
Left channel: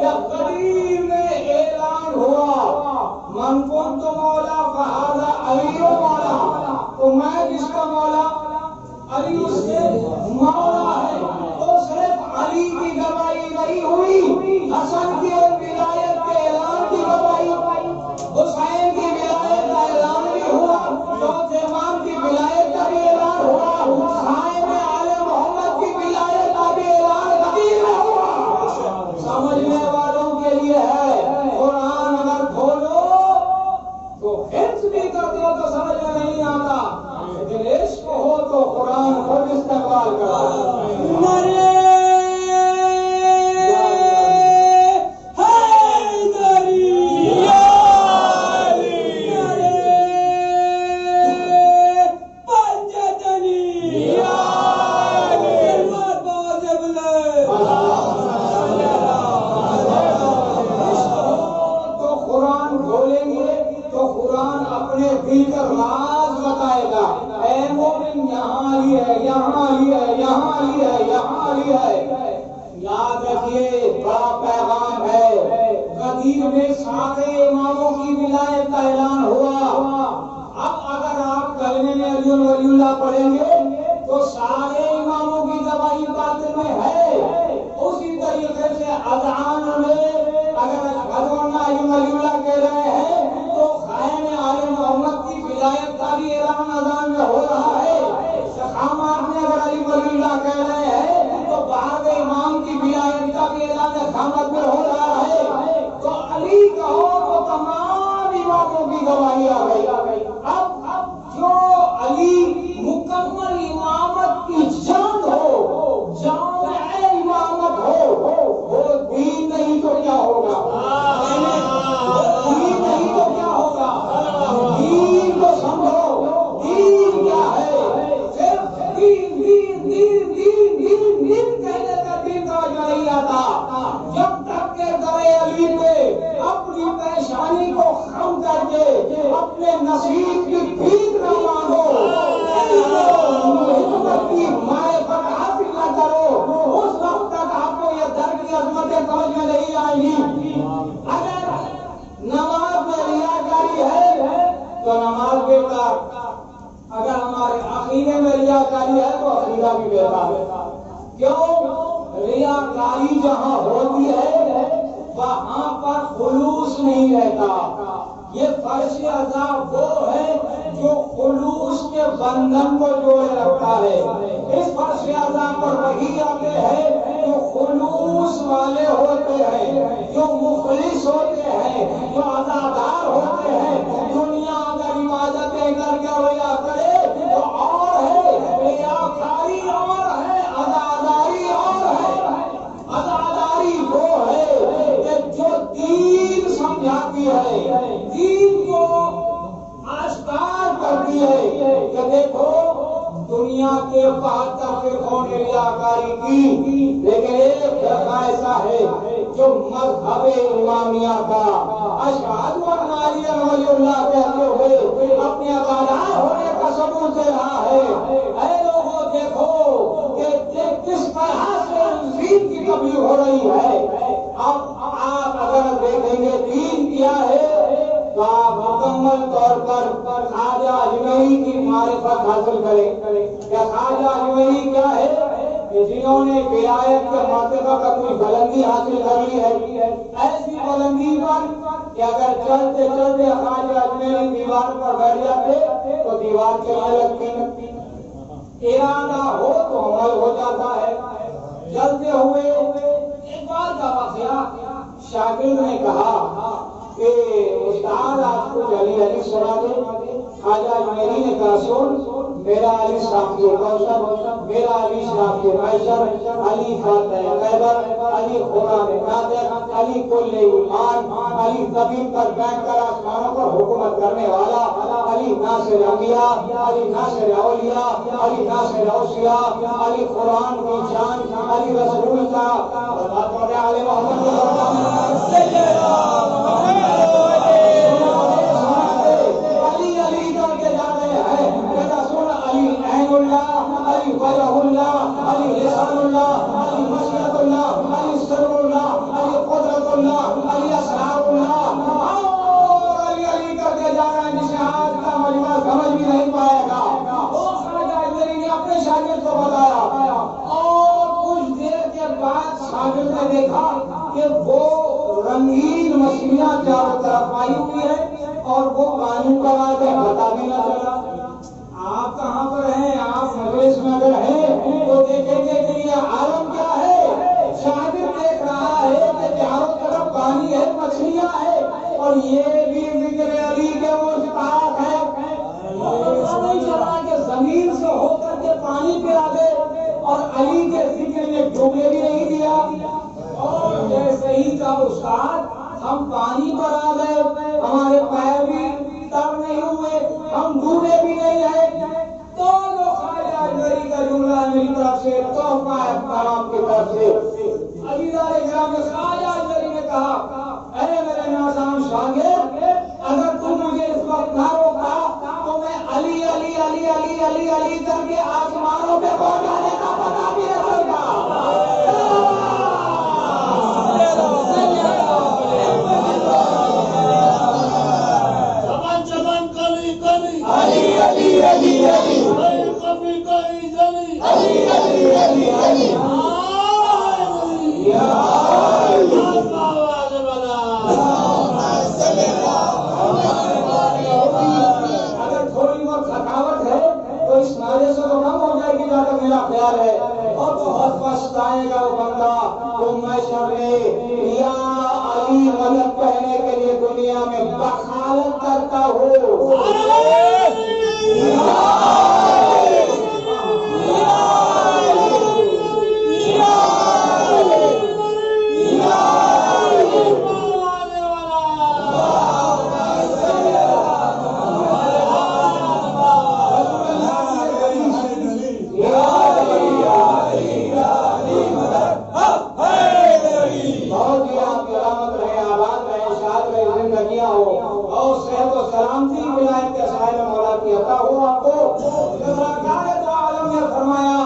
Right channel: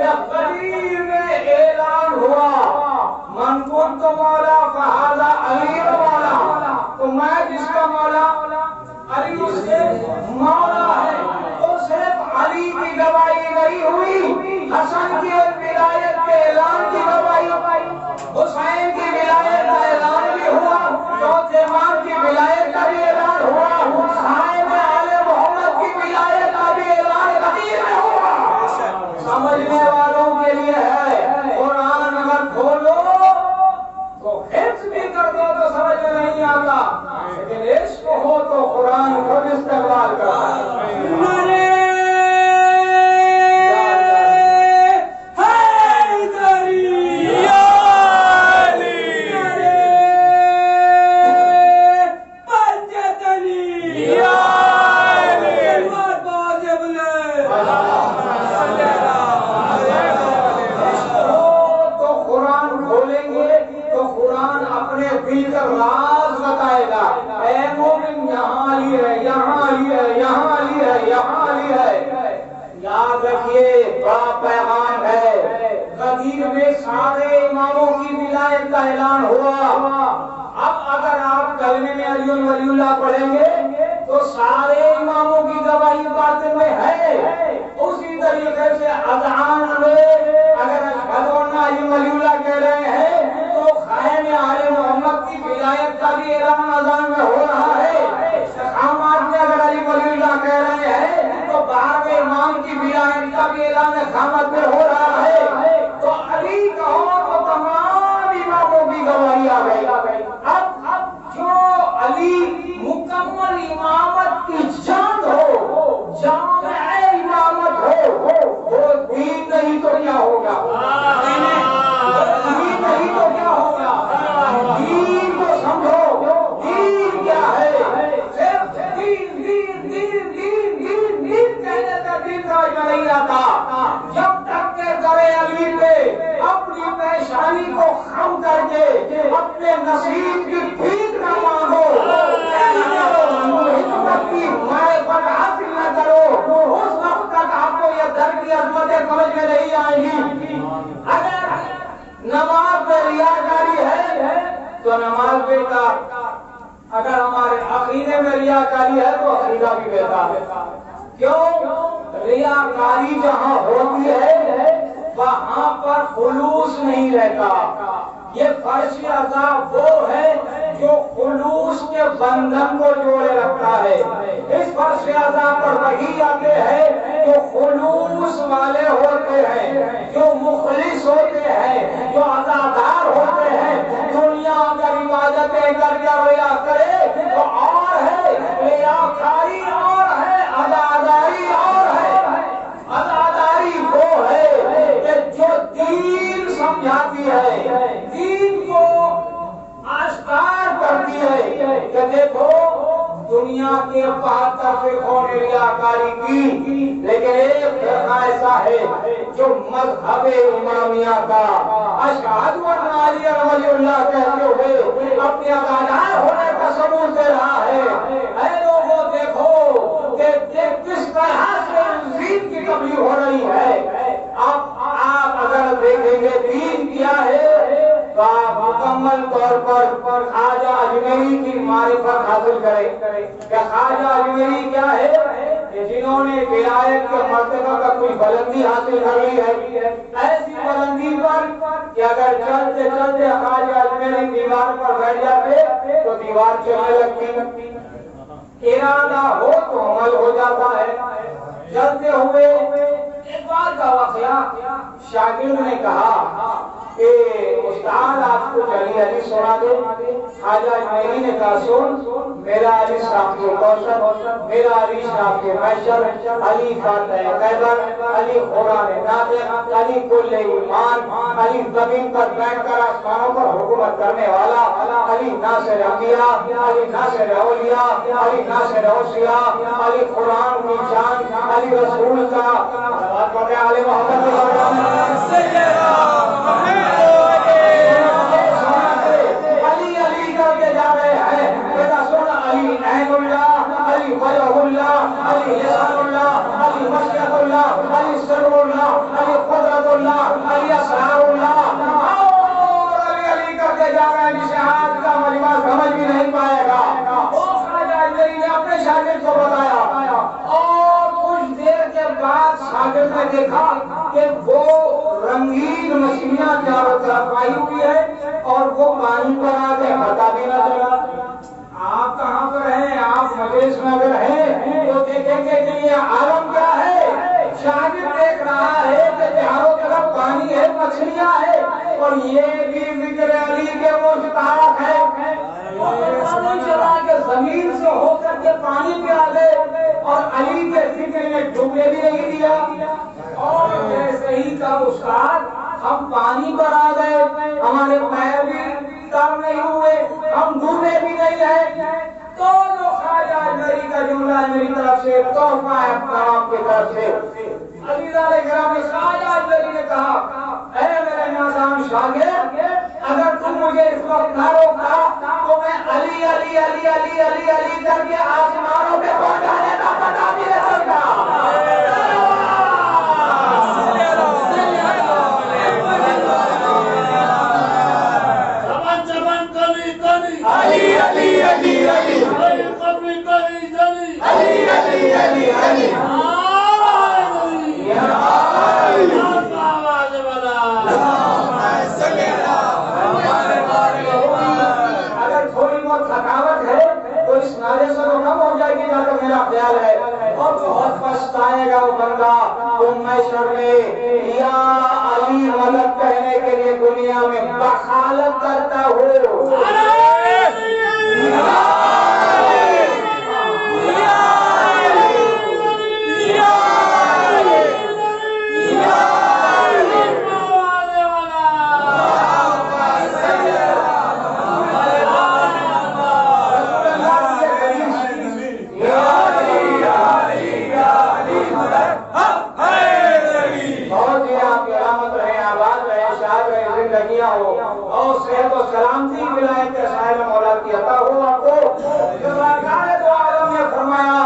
جب قدیر میں اعلان ہوا من کنت مولا فہذا علی مولا، تو میں جس کا مولا علی سے مولا ہے، تو صرف علی کی گواہی نہیں ہوئی، حسن کی ولایت کے اعلان کی گواہی، حسین کی ولایت کا اعلان بھی ہوا، چوتھے امام کی ولایت کا بھی اعلان ہوا، صاحب آل محمد کی ولایت کا بھی اعلان یہاں علی ہے، یہاں علی ہے، یہاں علی ہے۔ یاد رکھیے بڑا پیغام ہے، غدیر میں سارے اماموں کی ولایت کا اعلان ہوا۔ اب اگر آپ کلمے میں علی ولی اللہ پڑھیں گے تو سارے اماموں کی گواہی باطن میں ہے۔ اسی طریقے سے اذان میں اگر اشہد ان علی ولی اللہ کہہ رہے ہیں تو خائن آل محمد کی ولایت کا بھی اعلان اذان میں ہو رہا ہے۔ اقامات میں اگر علی ولی اللہ کہہ رہے ہیں تو باہر امام کی ولایت کا بھی اعلان اقامت میں ہو رہا ہے۔ تو علی کہو تو تمام اماموں کی گواہی آ گئی۔ اب جو علی مکمل امامت کی جان ہو، جامع امامت ہو، وہ دین نہیں تو کیا ہوگا؟ دین نہیں تو کیا ہوگا؟ دین کو سمجھو، دین کیا ہے؟ صرف دین دین دین دین دین دین کہنے کا دین راج نہیں آتا۔ جب تک کہ گرے علی پہ اپنی پریشانی کو خم کر کے اپنے نصیب کی بھیک نہ مانگو، حکمت کی معرفت حاصل نہ کرو، اس وقت تک آپ کو یہ در کی عظمتیں سمجھ میں نہیں آئیں گی۔ اگر نماز میں ریاکاری ہے تو نماز بیکار، اگر ہمارے عقیدے میں ریاکاری ہے تو عقیدہ بھی بیکار ہے۔ کیوں؟ ریاکاری جہاں ہوتی ہے وہاں پر خلوص نہیں رہتا۔ یہ فرش عذاب وہ ہے جو خلوص کے بندھن کو جوڑے رکھتا ہے۔ اس فرش عذاب پر وہی آتے ہیں جو خلوص والے ہوتے ہیں، جو مخلص ہوتے ہیں، جو عزادار ہوتے ہیں۔ دنیا اگر عبادتیں کر کے ریا کرے تو اور ہے، ریاکاری اور ہے، عزاداری اور ہے۔ عزاداری وہ ہے کہ جو دین سمجھاتی ہے، دین کو آشکار کرتی ہے کہ دیکھو دنیا کے 72 فرقوں نے ریاکاری کی، لیکن ایک فرقہ ایسا ہے جو مذہب امامیہ کا اشہد ان علی ولی اللہ کہتے ہوئے اپنے عزادار ہونے کا ثبوت دے رہا ہے۔ اے لوگوں دیکھو کہ کس طرح سے دین کی تبلیغ ہو رہی ہے۔ آپ اگر دیکھیں گے دین کیا ہے تو آپ مکمل طور پر خواجہ اجمیری کی معرفت حاصل کریں کہ خواجہ اجمیری کیا ہے، کہ جنہوں نے ولایت کے مرتبہ کا کوئی بلندی حاصل کر لی ہے، ایسی بلندی پر کہ اگر چلتے چلتے خواجہ اجمیری دیوار پر بیٹھ جاتے تو دیوار چلنے لگتی، ارادہ ہو تو عمل ہو جاتا ہے۔ چلتے ہوئے ایک بار کا واقعہ، شاگرد نے کہا کہ استاد آپ کو علی سنا دے۔ خواجہ اجمیری نے کہا سن، میرا علی شافی کوثر، میرا علی شافی میسر، علی فاتح خیبر، علی قرآن ناطق، علی کل ایمان، علی زمین پر بیٹھ کر آسمانوں پر حکومت کرنے والا، علی ناصر انبیاء، علی ناصر اولیاء، علی ناصر اوصیاء، علی قرآن کی جان، علی رسول کا علی محمد رنگین مچھلیاں چاروں طرف آئی ہوئی ہے اور وہ پانی پر آ کے پتا بھی نہ چلا۔ آپ کہاں پر ہیں؟ آپ مجلس میں اگر ہیں تو دیکھیں گے کہ یہ عالم کیا ہے۔ شاگرد دیکھ رہا ہے کہ چاروں طرف پانی ہے، مچھلیاں ہے، اور یہ بھی ذکر علی کے مشتاق ہے۔ پتہ چلا کہ زمین سے ہو کر کے پانی پہ آ گئے اور علی کے ذکر میں ڈوبنے بھی نہیں دیا۔ اور جیسے ہی کا استاد ہم پانی پر آ گئے، ہمارے پیر بھی تر نہیں ہوئے، ہم ڈوبے بھی نہیں رہے، تو جو خواجہ اجمیری کا جملہ ہے میری طرف سے، تحفہ ہے تمام کی طرف سے۔ عزیزان کرام، خواجہ اجمیری نے کہا اے میرے نازام شاگرد، اگر تم مجھے اس وقت نہ روکتا تو میں علی علی علی علی علی علی کر کے آسمانوں پہ اگر تھوڑی بہت تھکاوٹ ہے تو اس نعرے سے تو کم ہو جائے گی جہاں تک میرا خیال ہے، اور بہت پچھتائے گا وہ بندہ جو محشر میں یا علی مدد کہنے کے لیے دنیا میں بخالت کرتا ہو۔ اور صحت و سلامتی ولایت کے سائے میں مولا کی عطا ہو آپ کو۔ سرکار دو عالم نے فرمایا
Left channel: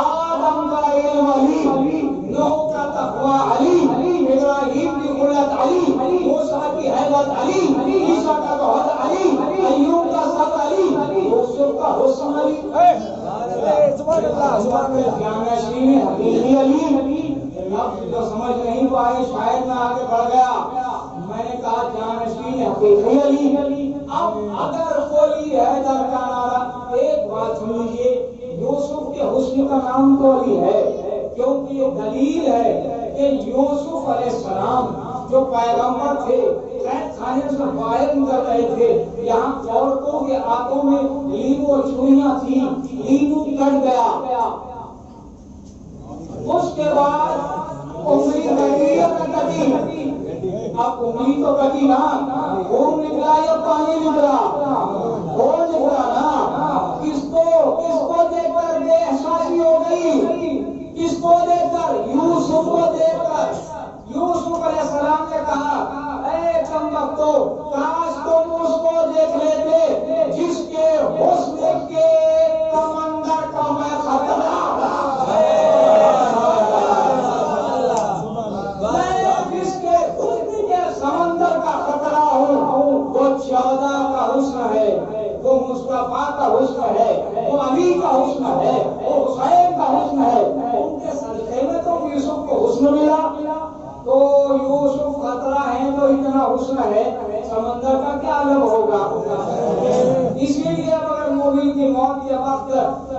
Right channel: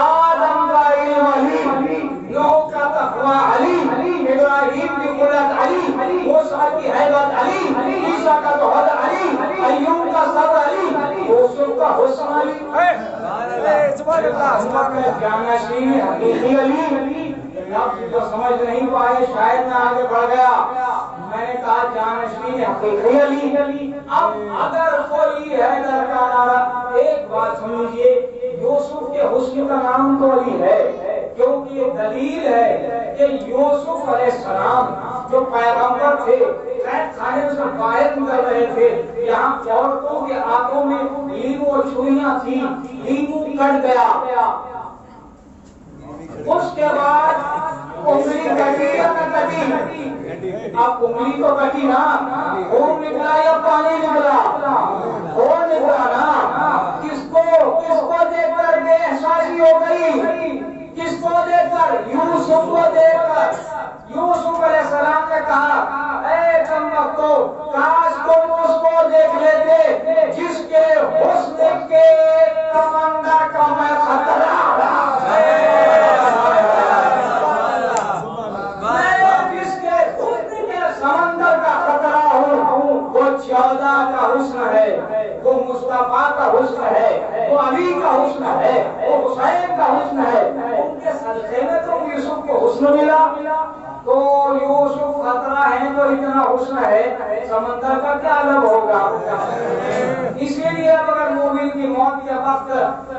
آدم کا علم علی، نوح کا تقوی علی، ابراہیم کی قدرت علی، موسیٰ کی حیبت علی، عیسیٰ کا توحید علی، ایوب کا صبر علی، یوسف کا حسن علی۔ سبحان اللہ، سبحان اللہ۔ جانشین حقیقی علی، جو سمجھ نہیں پائے شاید میں آگے بڑھ گیا، میں نے کہا جانشین حقیقی علی۔ اب اگر کوئی ہے در کا نعرہ، ایک بات سن لیجئے، یوسف کے حسن کا نام تو علی ہے، کیونکہ یہ دلیل ہے کہ یوسف علیہ السلام جو پیغمبر تھے، قید خانے سے باہر نکل رہے تھے، یہاں عورتوں کے ہاتھوں میں لیمو اور چھریاں تھیں، لیمو کٹ گیا، اس کے بعد انگلی کٹی یا نہ کٹی؟ اب انگلی تو کٹی نا، خون نکلا یا پانی نکلا؟ خون نکلا نا۔ کس کو دیکھ کر بے احساسی ہو گئی؟ کس کو دیکھ کر؟ یوسف کو دیکھ کر۔ یوسف علیہ السلام نے کہا اے کمبختو، کاش تم اس کو دیکھ لیتے جس کے حسن کے سمندر کا میں خطرہ سمندر کا خطرہ ہوں۔ وہ 14 کا حسن ہے، وہ مصطفیٰ کا حسن ہے، وہ علی کا حسن ہے، وہ حسین کا حسن ہے، ان کے صدقے میں تو یوسف کو حسن ملا۔ تو یوسف خطرہ ہے تو اتنا حسن ہے، سمندر کا کیا عالم ہوگا؟ اسی لیے اگر مومن کی موت کے وقت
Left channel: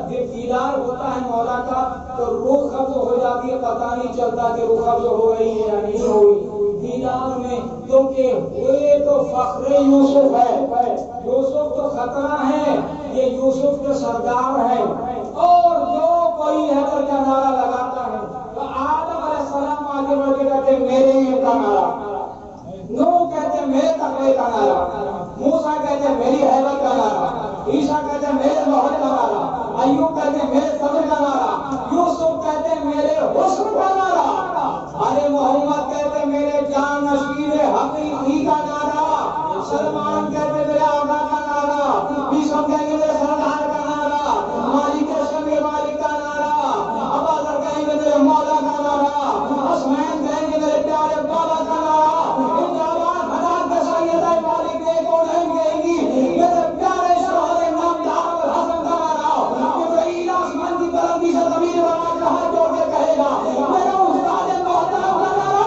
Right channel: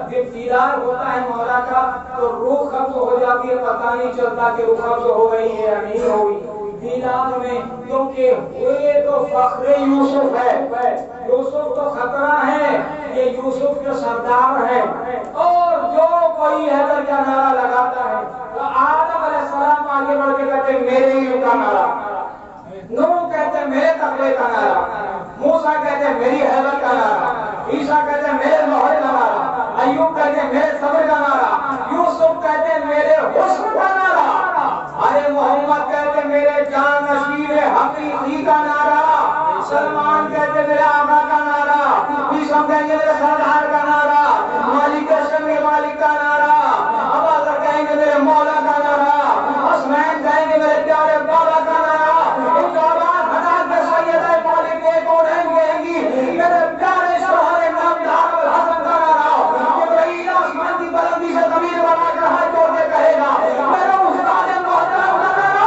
جب دیدار ہوتا ہے مولا کا تو روح قبض ہو جاتی ہے، پتہ نہیں چلتا کہ روح قبض ہو گئی ہے یا نہیں ہوئی دیدار میں، کیونکہ یہ تو فخر یوسف ہے، یوسف تو خطرہ ہے، یہ یوسف کے سردار ہیں۔ اور جو کوئی حیدر کا نعرہ لگاتا ہے تو آدم علیہ السلام آگے بڑھ کے کہتے ہیں میرے علم کا نعرہ، نوح کہتے ہیں میرے تقوی کا نعرہ، موسیٰ کہتے ہیں میری حیبت کا نعرہ، عیسیٰ کہتے ہیں میرے توحید کا نعرہ، ایوب کہتے ہیں میرے صبر کا نعرہ، یوسف کہتے ہیں میرے حسن کا نعرہ، ارے محمد کہتے ہیں میرے جان نشین حقیقی کا نعرہ، سلمان کہتے ہیں میرے آقا کا نعرہ، عیسیٰ کہیں گے میرے سردار کا نعرہ، مالک شمی مالک کا نعرہ، ابوذر کہیں گے میرے مولا کا نعرہ، حسنین کہیں گے میرے پیارے مولا کا نعرہ، ان کا آواز ہزار کے سید ہے مالک ایک اور کہیں گی میرے پیارے شوہر نامدار حسن کا نعرہ، جبرائیل آسمان کی بلندی سے ضمیر بنا کر ہاتھ جوڑ کے کہے گا میرا استاد محترم کا نعرہ،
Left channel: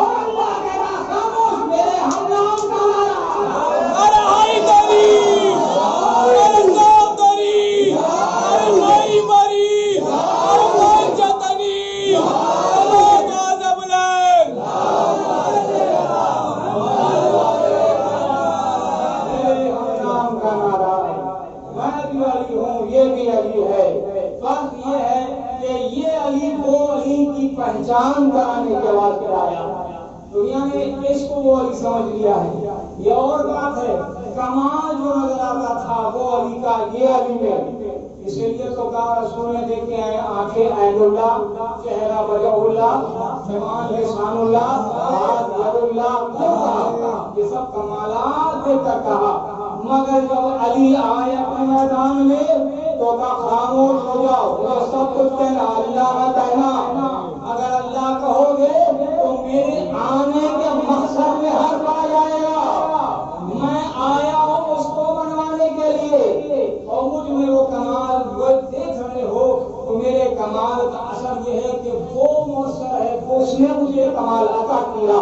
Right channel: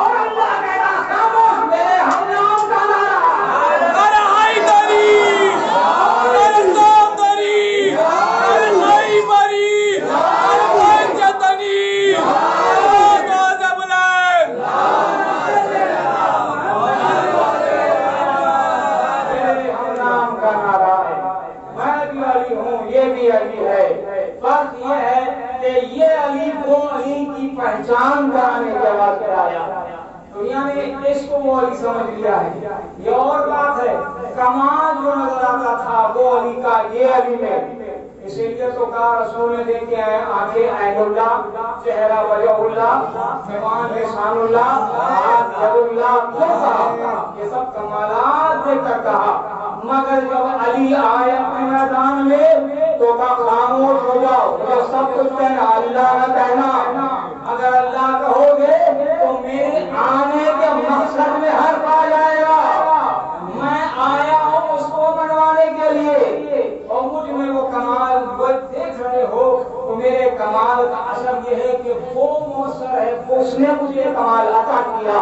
اور اللہ کہے گا خاموش میرے ہم نام کا نعرہ۔ ارے ہائی دری، ارے سو دری، ارے ہائی بری، ارے پنچتنی، ارے دعا بلند۔ نام کا نعرہ ہے، میں بھی علی ہوں، یہ بھی علی ہے، فرق یہ ہے کہ یہ علی وہ علی کی پہچان کرانے کے واسطے آیا، دنیا نے اس کو وہ علی سمجھ لیا ہے، یہ اور بات ہے، کمال جو نظر آتا تھا وہ علی کا یہ علی میں، اسی لیے تو کہا رسول نے دیکھے ہیں آنکھیں عین اللہ، چہرہ وجہ اللہ، زبان لسان اللہ، ہاتھ ید اللہ، کیوں کہا؟ یہ سب کمالات دیکھ کر کہا، مگر جب علی آئے اپنے میدان میں تو کہا خاموش ہو جاؤ، مجھے سب کچھ کہنا اللہ نہ کہنا، اگر اللہ کہو گے تو میرے آنے کے مقصد میں حرف آ جائے گا، میں آیا ہوں اس کو بنوانے کے لیے، اور مجھ میں وہ کمال وہ دیکھ رہے ہو تو میرے کمال کا اثر یہ ہے کہ وہ مؤثر ہے، اس نے مجھے کمال عطا کیا،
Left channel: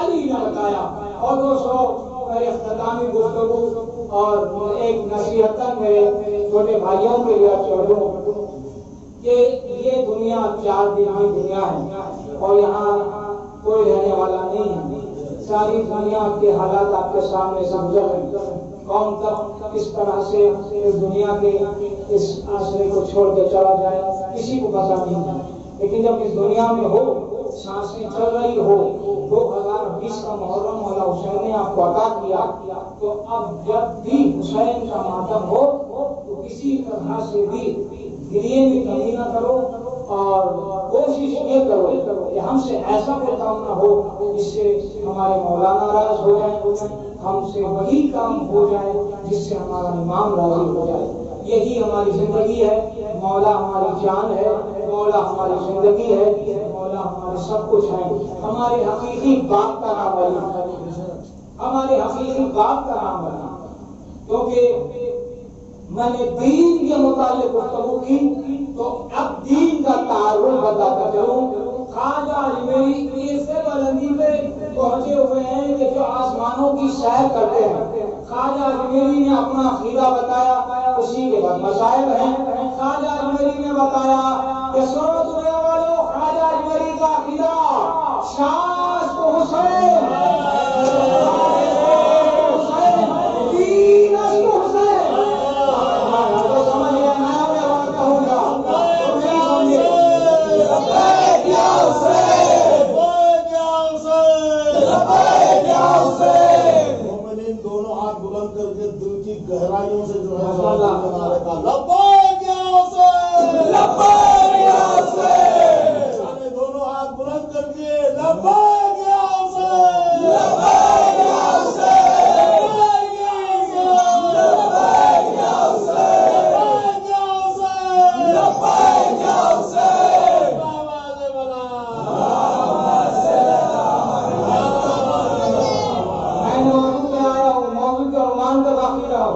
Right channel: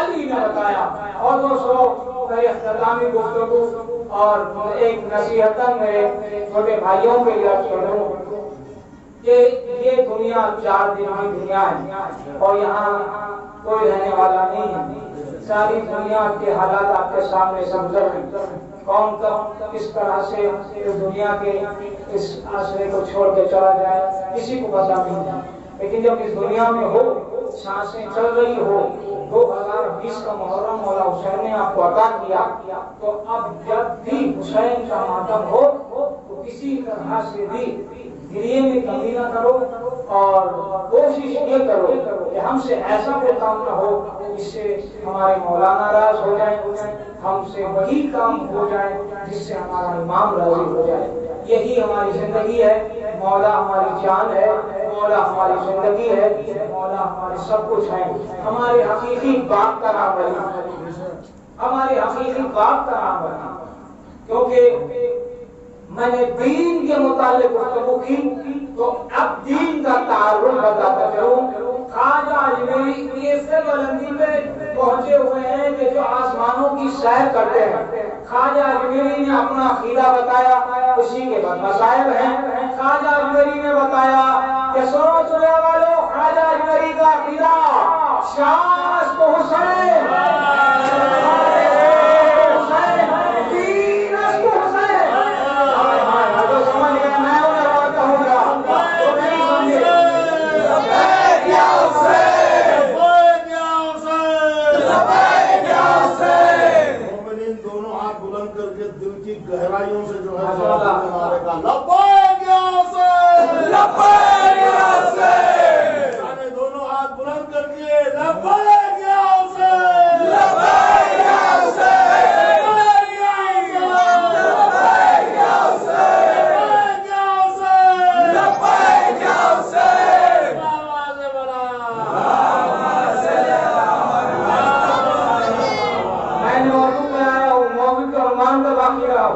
علی نے بتایا۔ اور دوستو میری اختتامی گفتگو اور ایک نصیحتاً میرے چھوٹے بھائیوں کے لیے چھوڑوں کہ یہ دنیا 4 دن کی دنیا ہے اور یہاں کوئی رہنے والا نہیں ہے۔ ساری دنیا کے حالات آپ کے سامنے سے گزر رہے ہیں، کون کب اس طرح سے اس دنیا کے اس عصرے کو چھوڑ کے چلا جائے کسی کو پتہ نہیں ہے۔ لیکن جب اس دنیا میں ہو، سانسیں چل رہی ہو، 2020 کا محرم مولا حسین نے آپ کو عطا کیا، تو اب جب بھی حسین کا ماتم ہو تو کسی طرح سے بھی گریے میں کمی نہ کرو اور کوشش یہ کرو کہ ہم سے ایسا کوئی کام نہ ہو جس سے ہمارے مولا ناراض ہو جائیں، ہم سے وہی کام ہو جائے جس سے ہمارا امام راضی ہو جائے۔ یہی ہماری زندگی ہے، مولا ہماری جان ہے، مولا ہماری زندگی ہے، مولا ہمارے سب کچھ ہے۔ ہمارے حقیقی باپ کا نام بنا، ہمارے حقیقی باپ کا نام بنا، کیونکہ میں نے دین کے متعلق گفتگو کی تو اب دین کا تعارف بتاتا چلوں۔ خواجہ اجمیری ایسے بلندی پہ پہنچے ہوئے ہیں کہ جو آسمانوں کی سیر کرتے ہیں۔ خواجہ اجمیری نے اپنا عقیدہ بتایا، اسی کے بعد مسائل ہیں۔ خواجہ اجمیری نے بتایا کہ سنو دنیا والوں، خواجہ اجمیری کا عقیدہ شاہ کو حسین، گہرائیوں سے جو ہے ہمارے کا لبیک یا حسین، لبیک یا حسین، دونوں ہاتھ بلند کر کے لبیک یا حسین، لبیک یا حسین، لبیک یا حسین، لبیک یا حسین، لبیک یا حسین، آواز بلند۔ میں نے موضوع میں آیا ہوں، موضوع کا عنوان کا باقی رہا،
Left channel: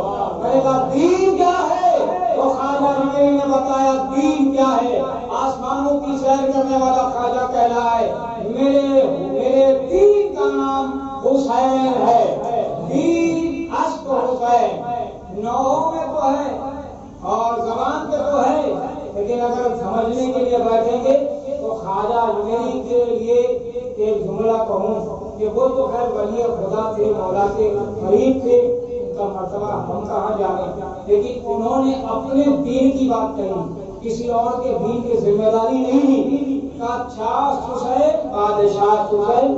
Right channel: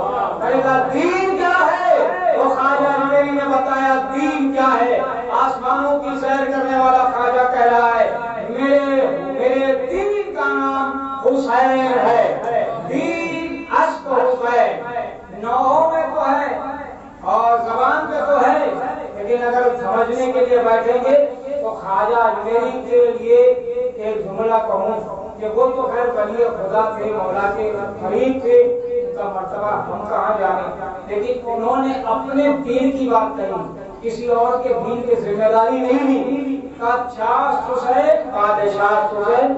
دین کیا ہے؟ وہ خواجہ اجمیری نے بتایا دین کیا ہے۔ آسمانوں کی سیر کرنے والا خواجہ کہہ رہا ہے میرے دین کا نام حسین ہے۔ دین عشق حسین نوحوں میں تو ہے اور زبان پہ تو ہے، لیکن اگر سمجھنے کے لیے بیٹھیں گے تو خواجہ اجمیری کے لیے ایک جملہ کہوں کہ وہ تو خیر ولی خدا تھے، مولا کے قریب تھے، کا مرتبہ ہم کہاں جانے، لیکن انہوں نے اپنے دین کی بات کہی، کسی اور کے دین کی ذمہ داری نہیں لی۔ شاہ حسین، بادشاہ حسین،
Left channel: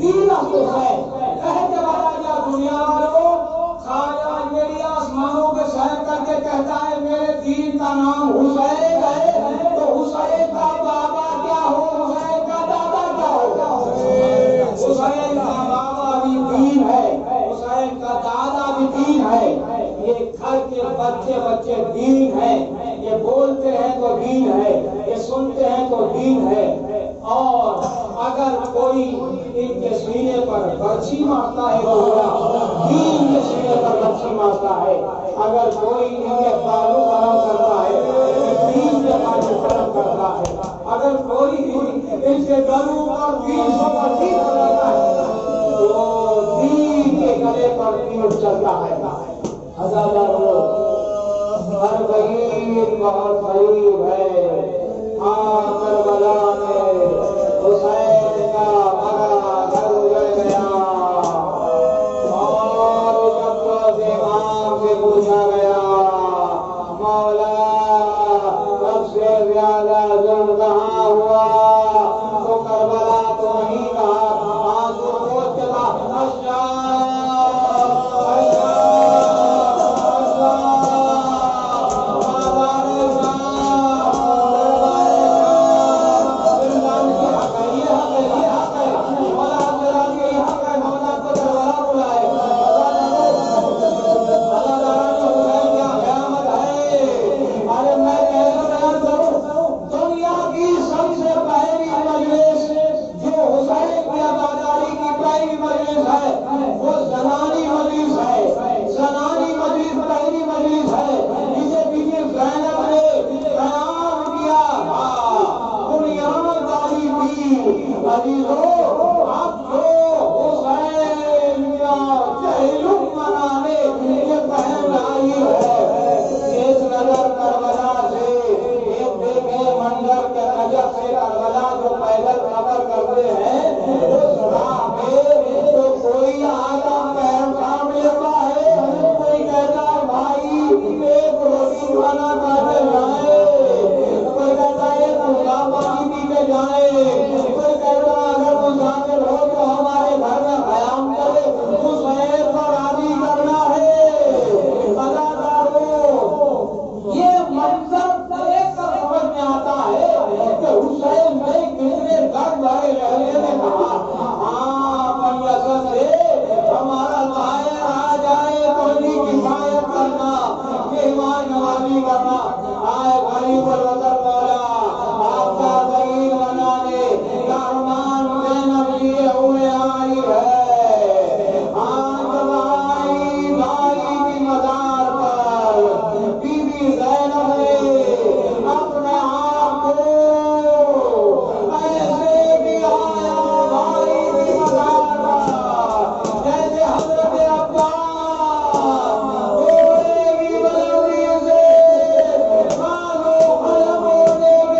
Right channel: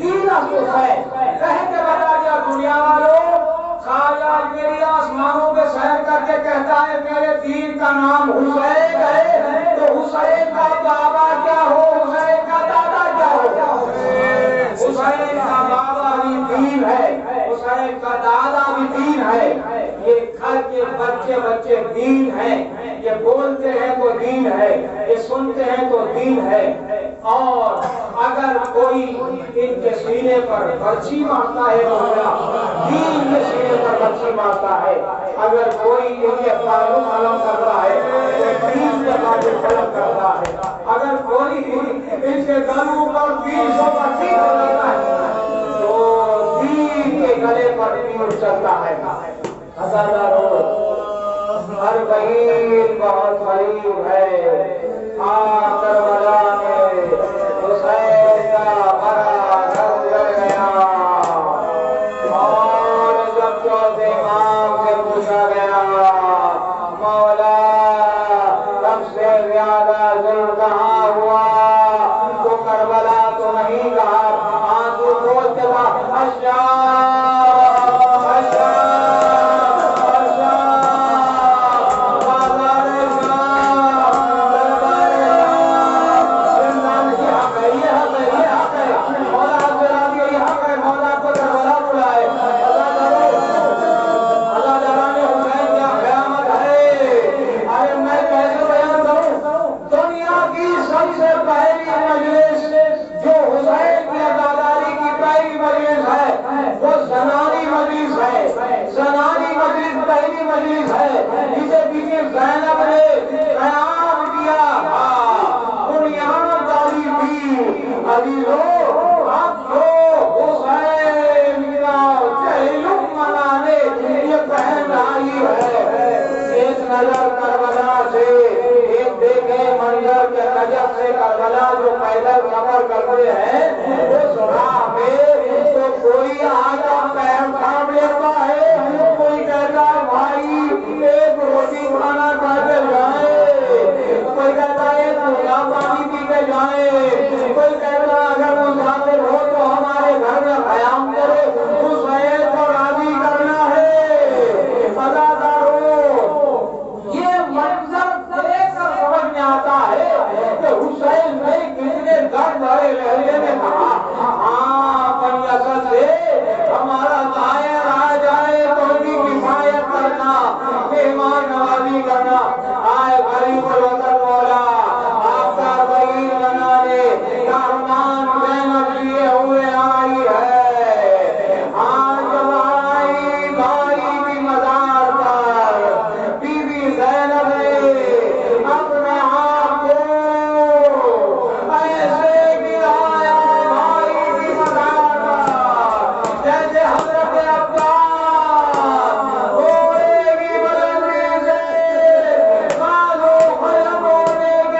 دین حسین کہہ کے بتا دیا دنیا والوں، خواجہ اجمیری آسمانوں پہ سیر کر کے کہتا ہے میرے دین کا نام حسین ہے، تو حسین کا بابا کیا ہو، حسین کا دادا کیا ہو؟ حسین کا بابا بھی دین ہے، حسین کا دادا بھی دین ہے، یہ گھر کے بچے دین ہے، یہ بولتے ہیں تو دین ہے، یہ سنتے ہیں تو دین ہے۔ اور اگر کوئی ان کے سینے پر برچھی مارتا ہے تو دین کے سینے پر برچھی مارتا ہے، اگر کوئی ان کے تعلق قلم کرتا ہے تو دین کے تعلق قلم کرتا ہے، اگر کوئی ان کے گلوں پر 20 برچھی کرتا ہے تو دین کے گلے پر تیر چلتا ہے۔ ہزاروں ہر بہین بہت قریب ہے، کربلا میں حسین کا بڑا گھر گیا، اور جب چوتھے امام سے پوچھا گیا مولا سب سے زیادہ ظلم کہاں ہوا، تو کربلا تو نہیں کہا، آنسو پوچھ کے دنیا کی حضرت سے کربلا جو پیدل سفر کرتے ہیں اس راہ میں تو کوئی آدم پیر کام لیتا ہے، کوئی کہتا ہے بھائی ایک روٹی کھانا کھا کے جائے، کوئی کہتا ہے پانی پی کے جائے، کوئی کہتا ہے اگر مسافر ہو تو ہمارے گھر میں قیام کرے، حسین کو راضی کرنا ہے۔ یہ منظر دیکھ کر سمجھ میں آتا ہے کہ حسین میں کتنے درد بھرے لہجے میں کہا ہاں بنی اسد سے ہمارا طاہر آ جائے تو ان کی کفایت کرنا، مہمان نوازی کرنا، آئے غریب الوطن مولا آپ کا ظہیر بنانے کارمان زینب لیے ہوئے آئی ہے۔ آج جب آئی بھائی کی مزار پر بی بی زینب نے اپنے آپ کو ایسے گرایا بھائی کی مزار پر جیسے حضرت عباس گھوڑے کی بلندی سے بازو ختم ہونے کے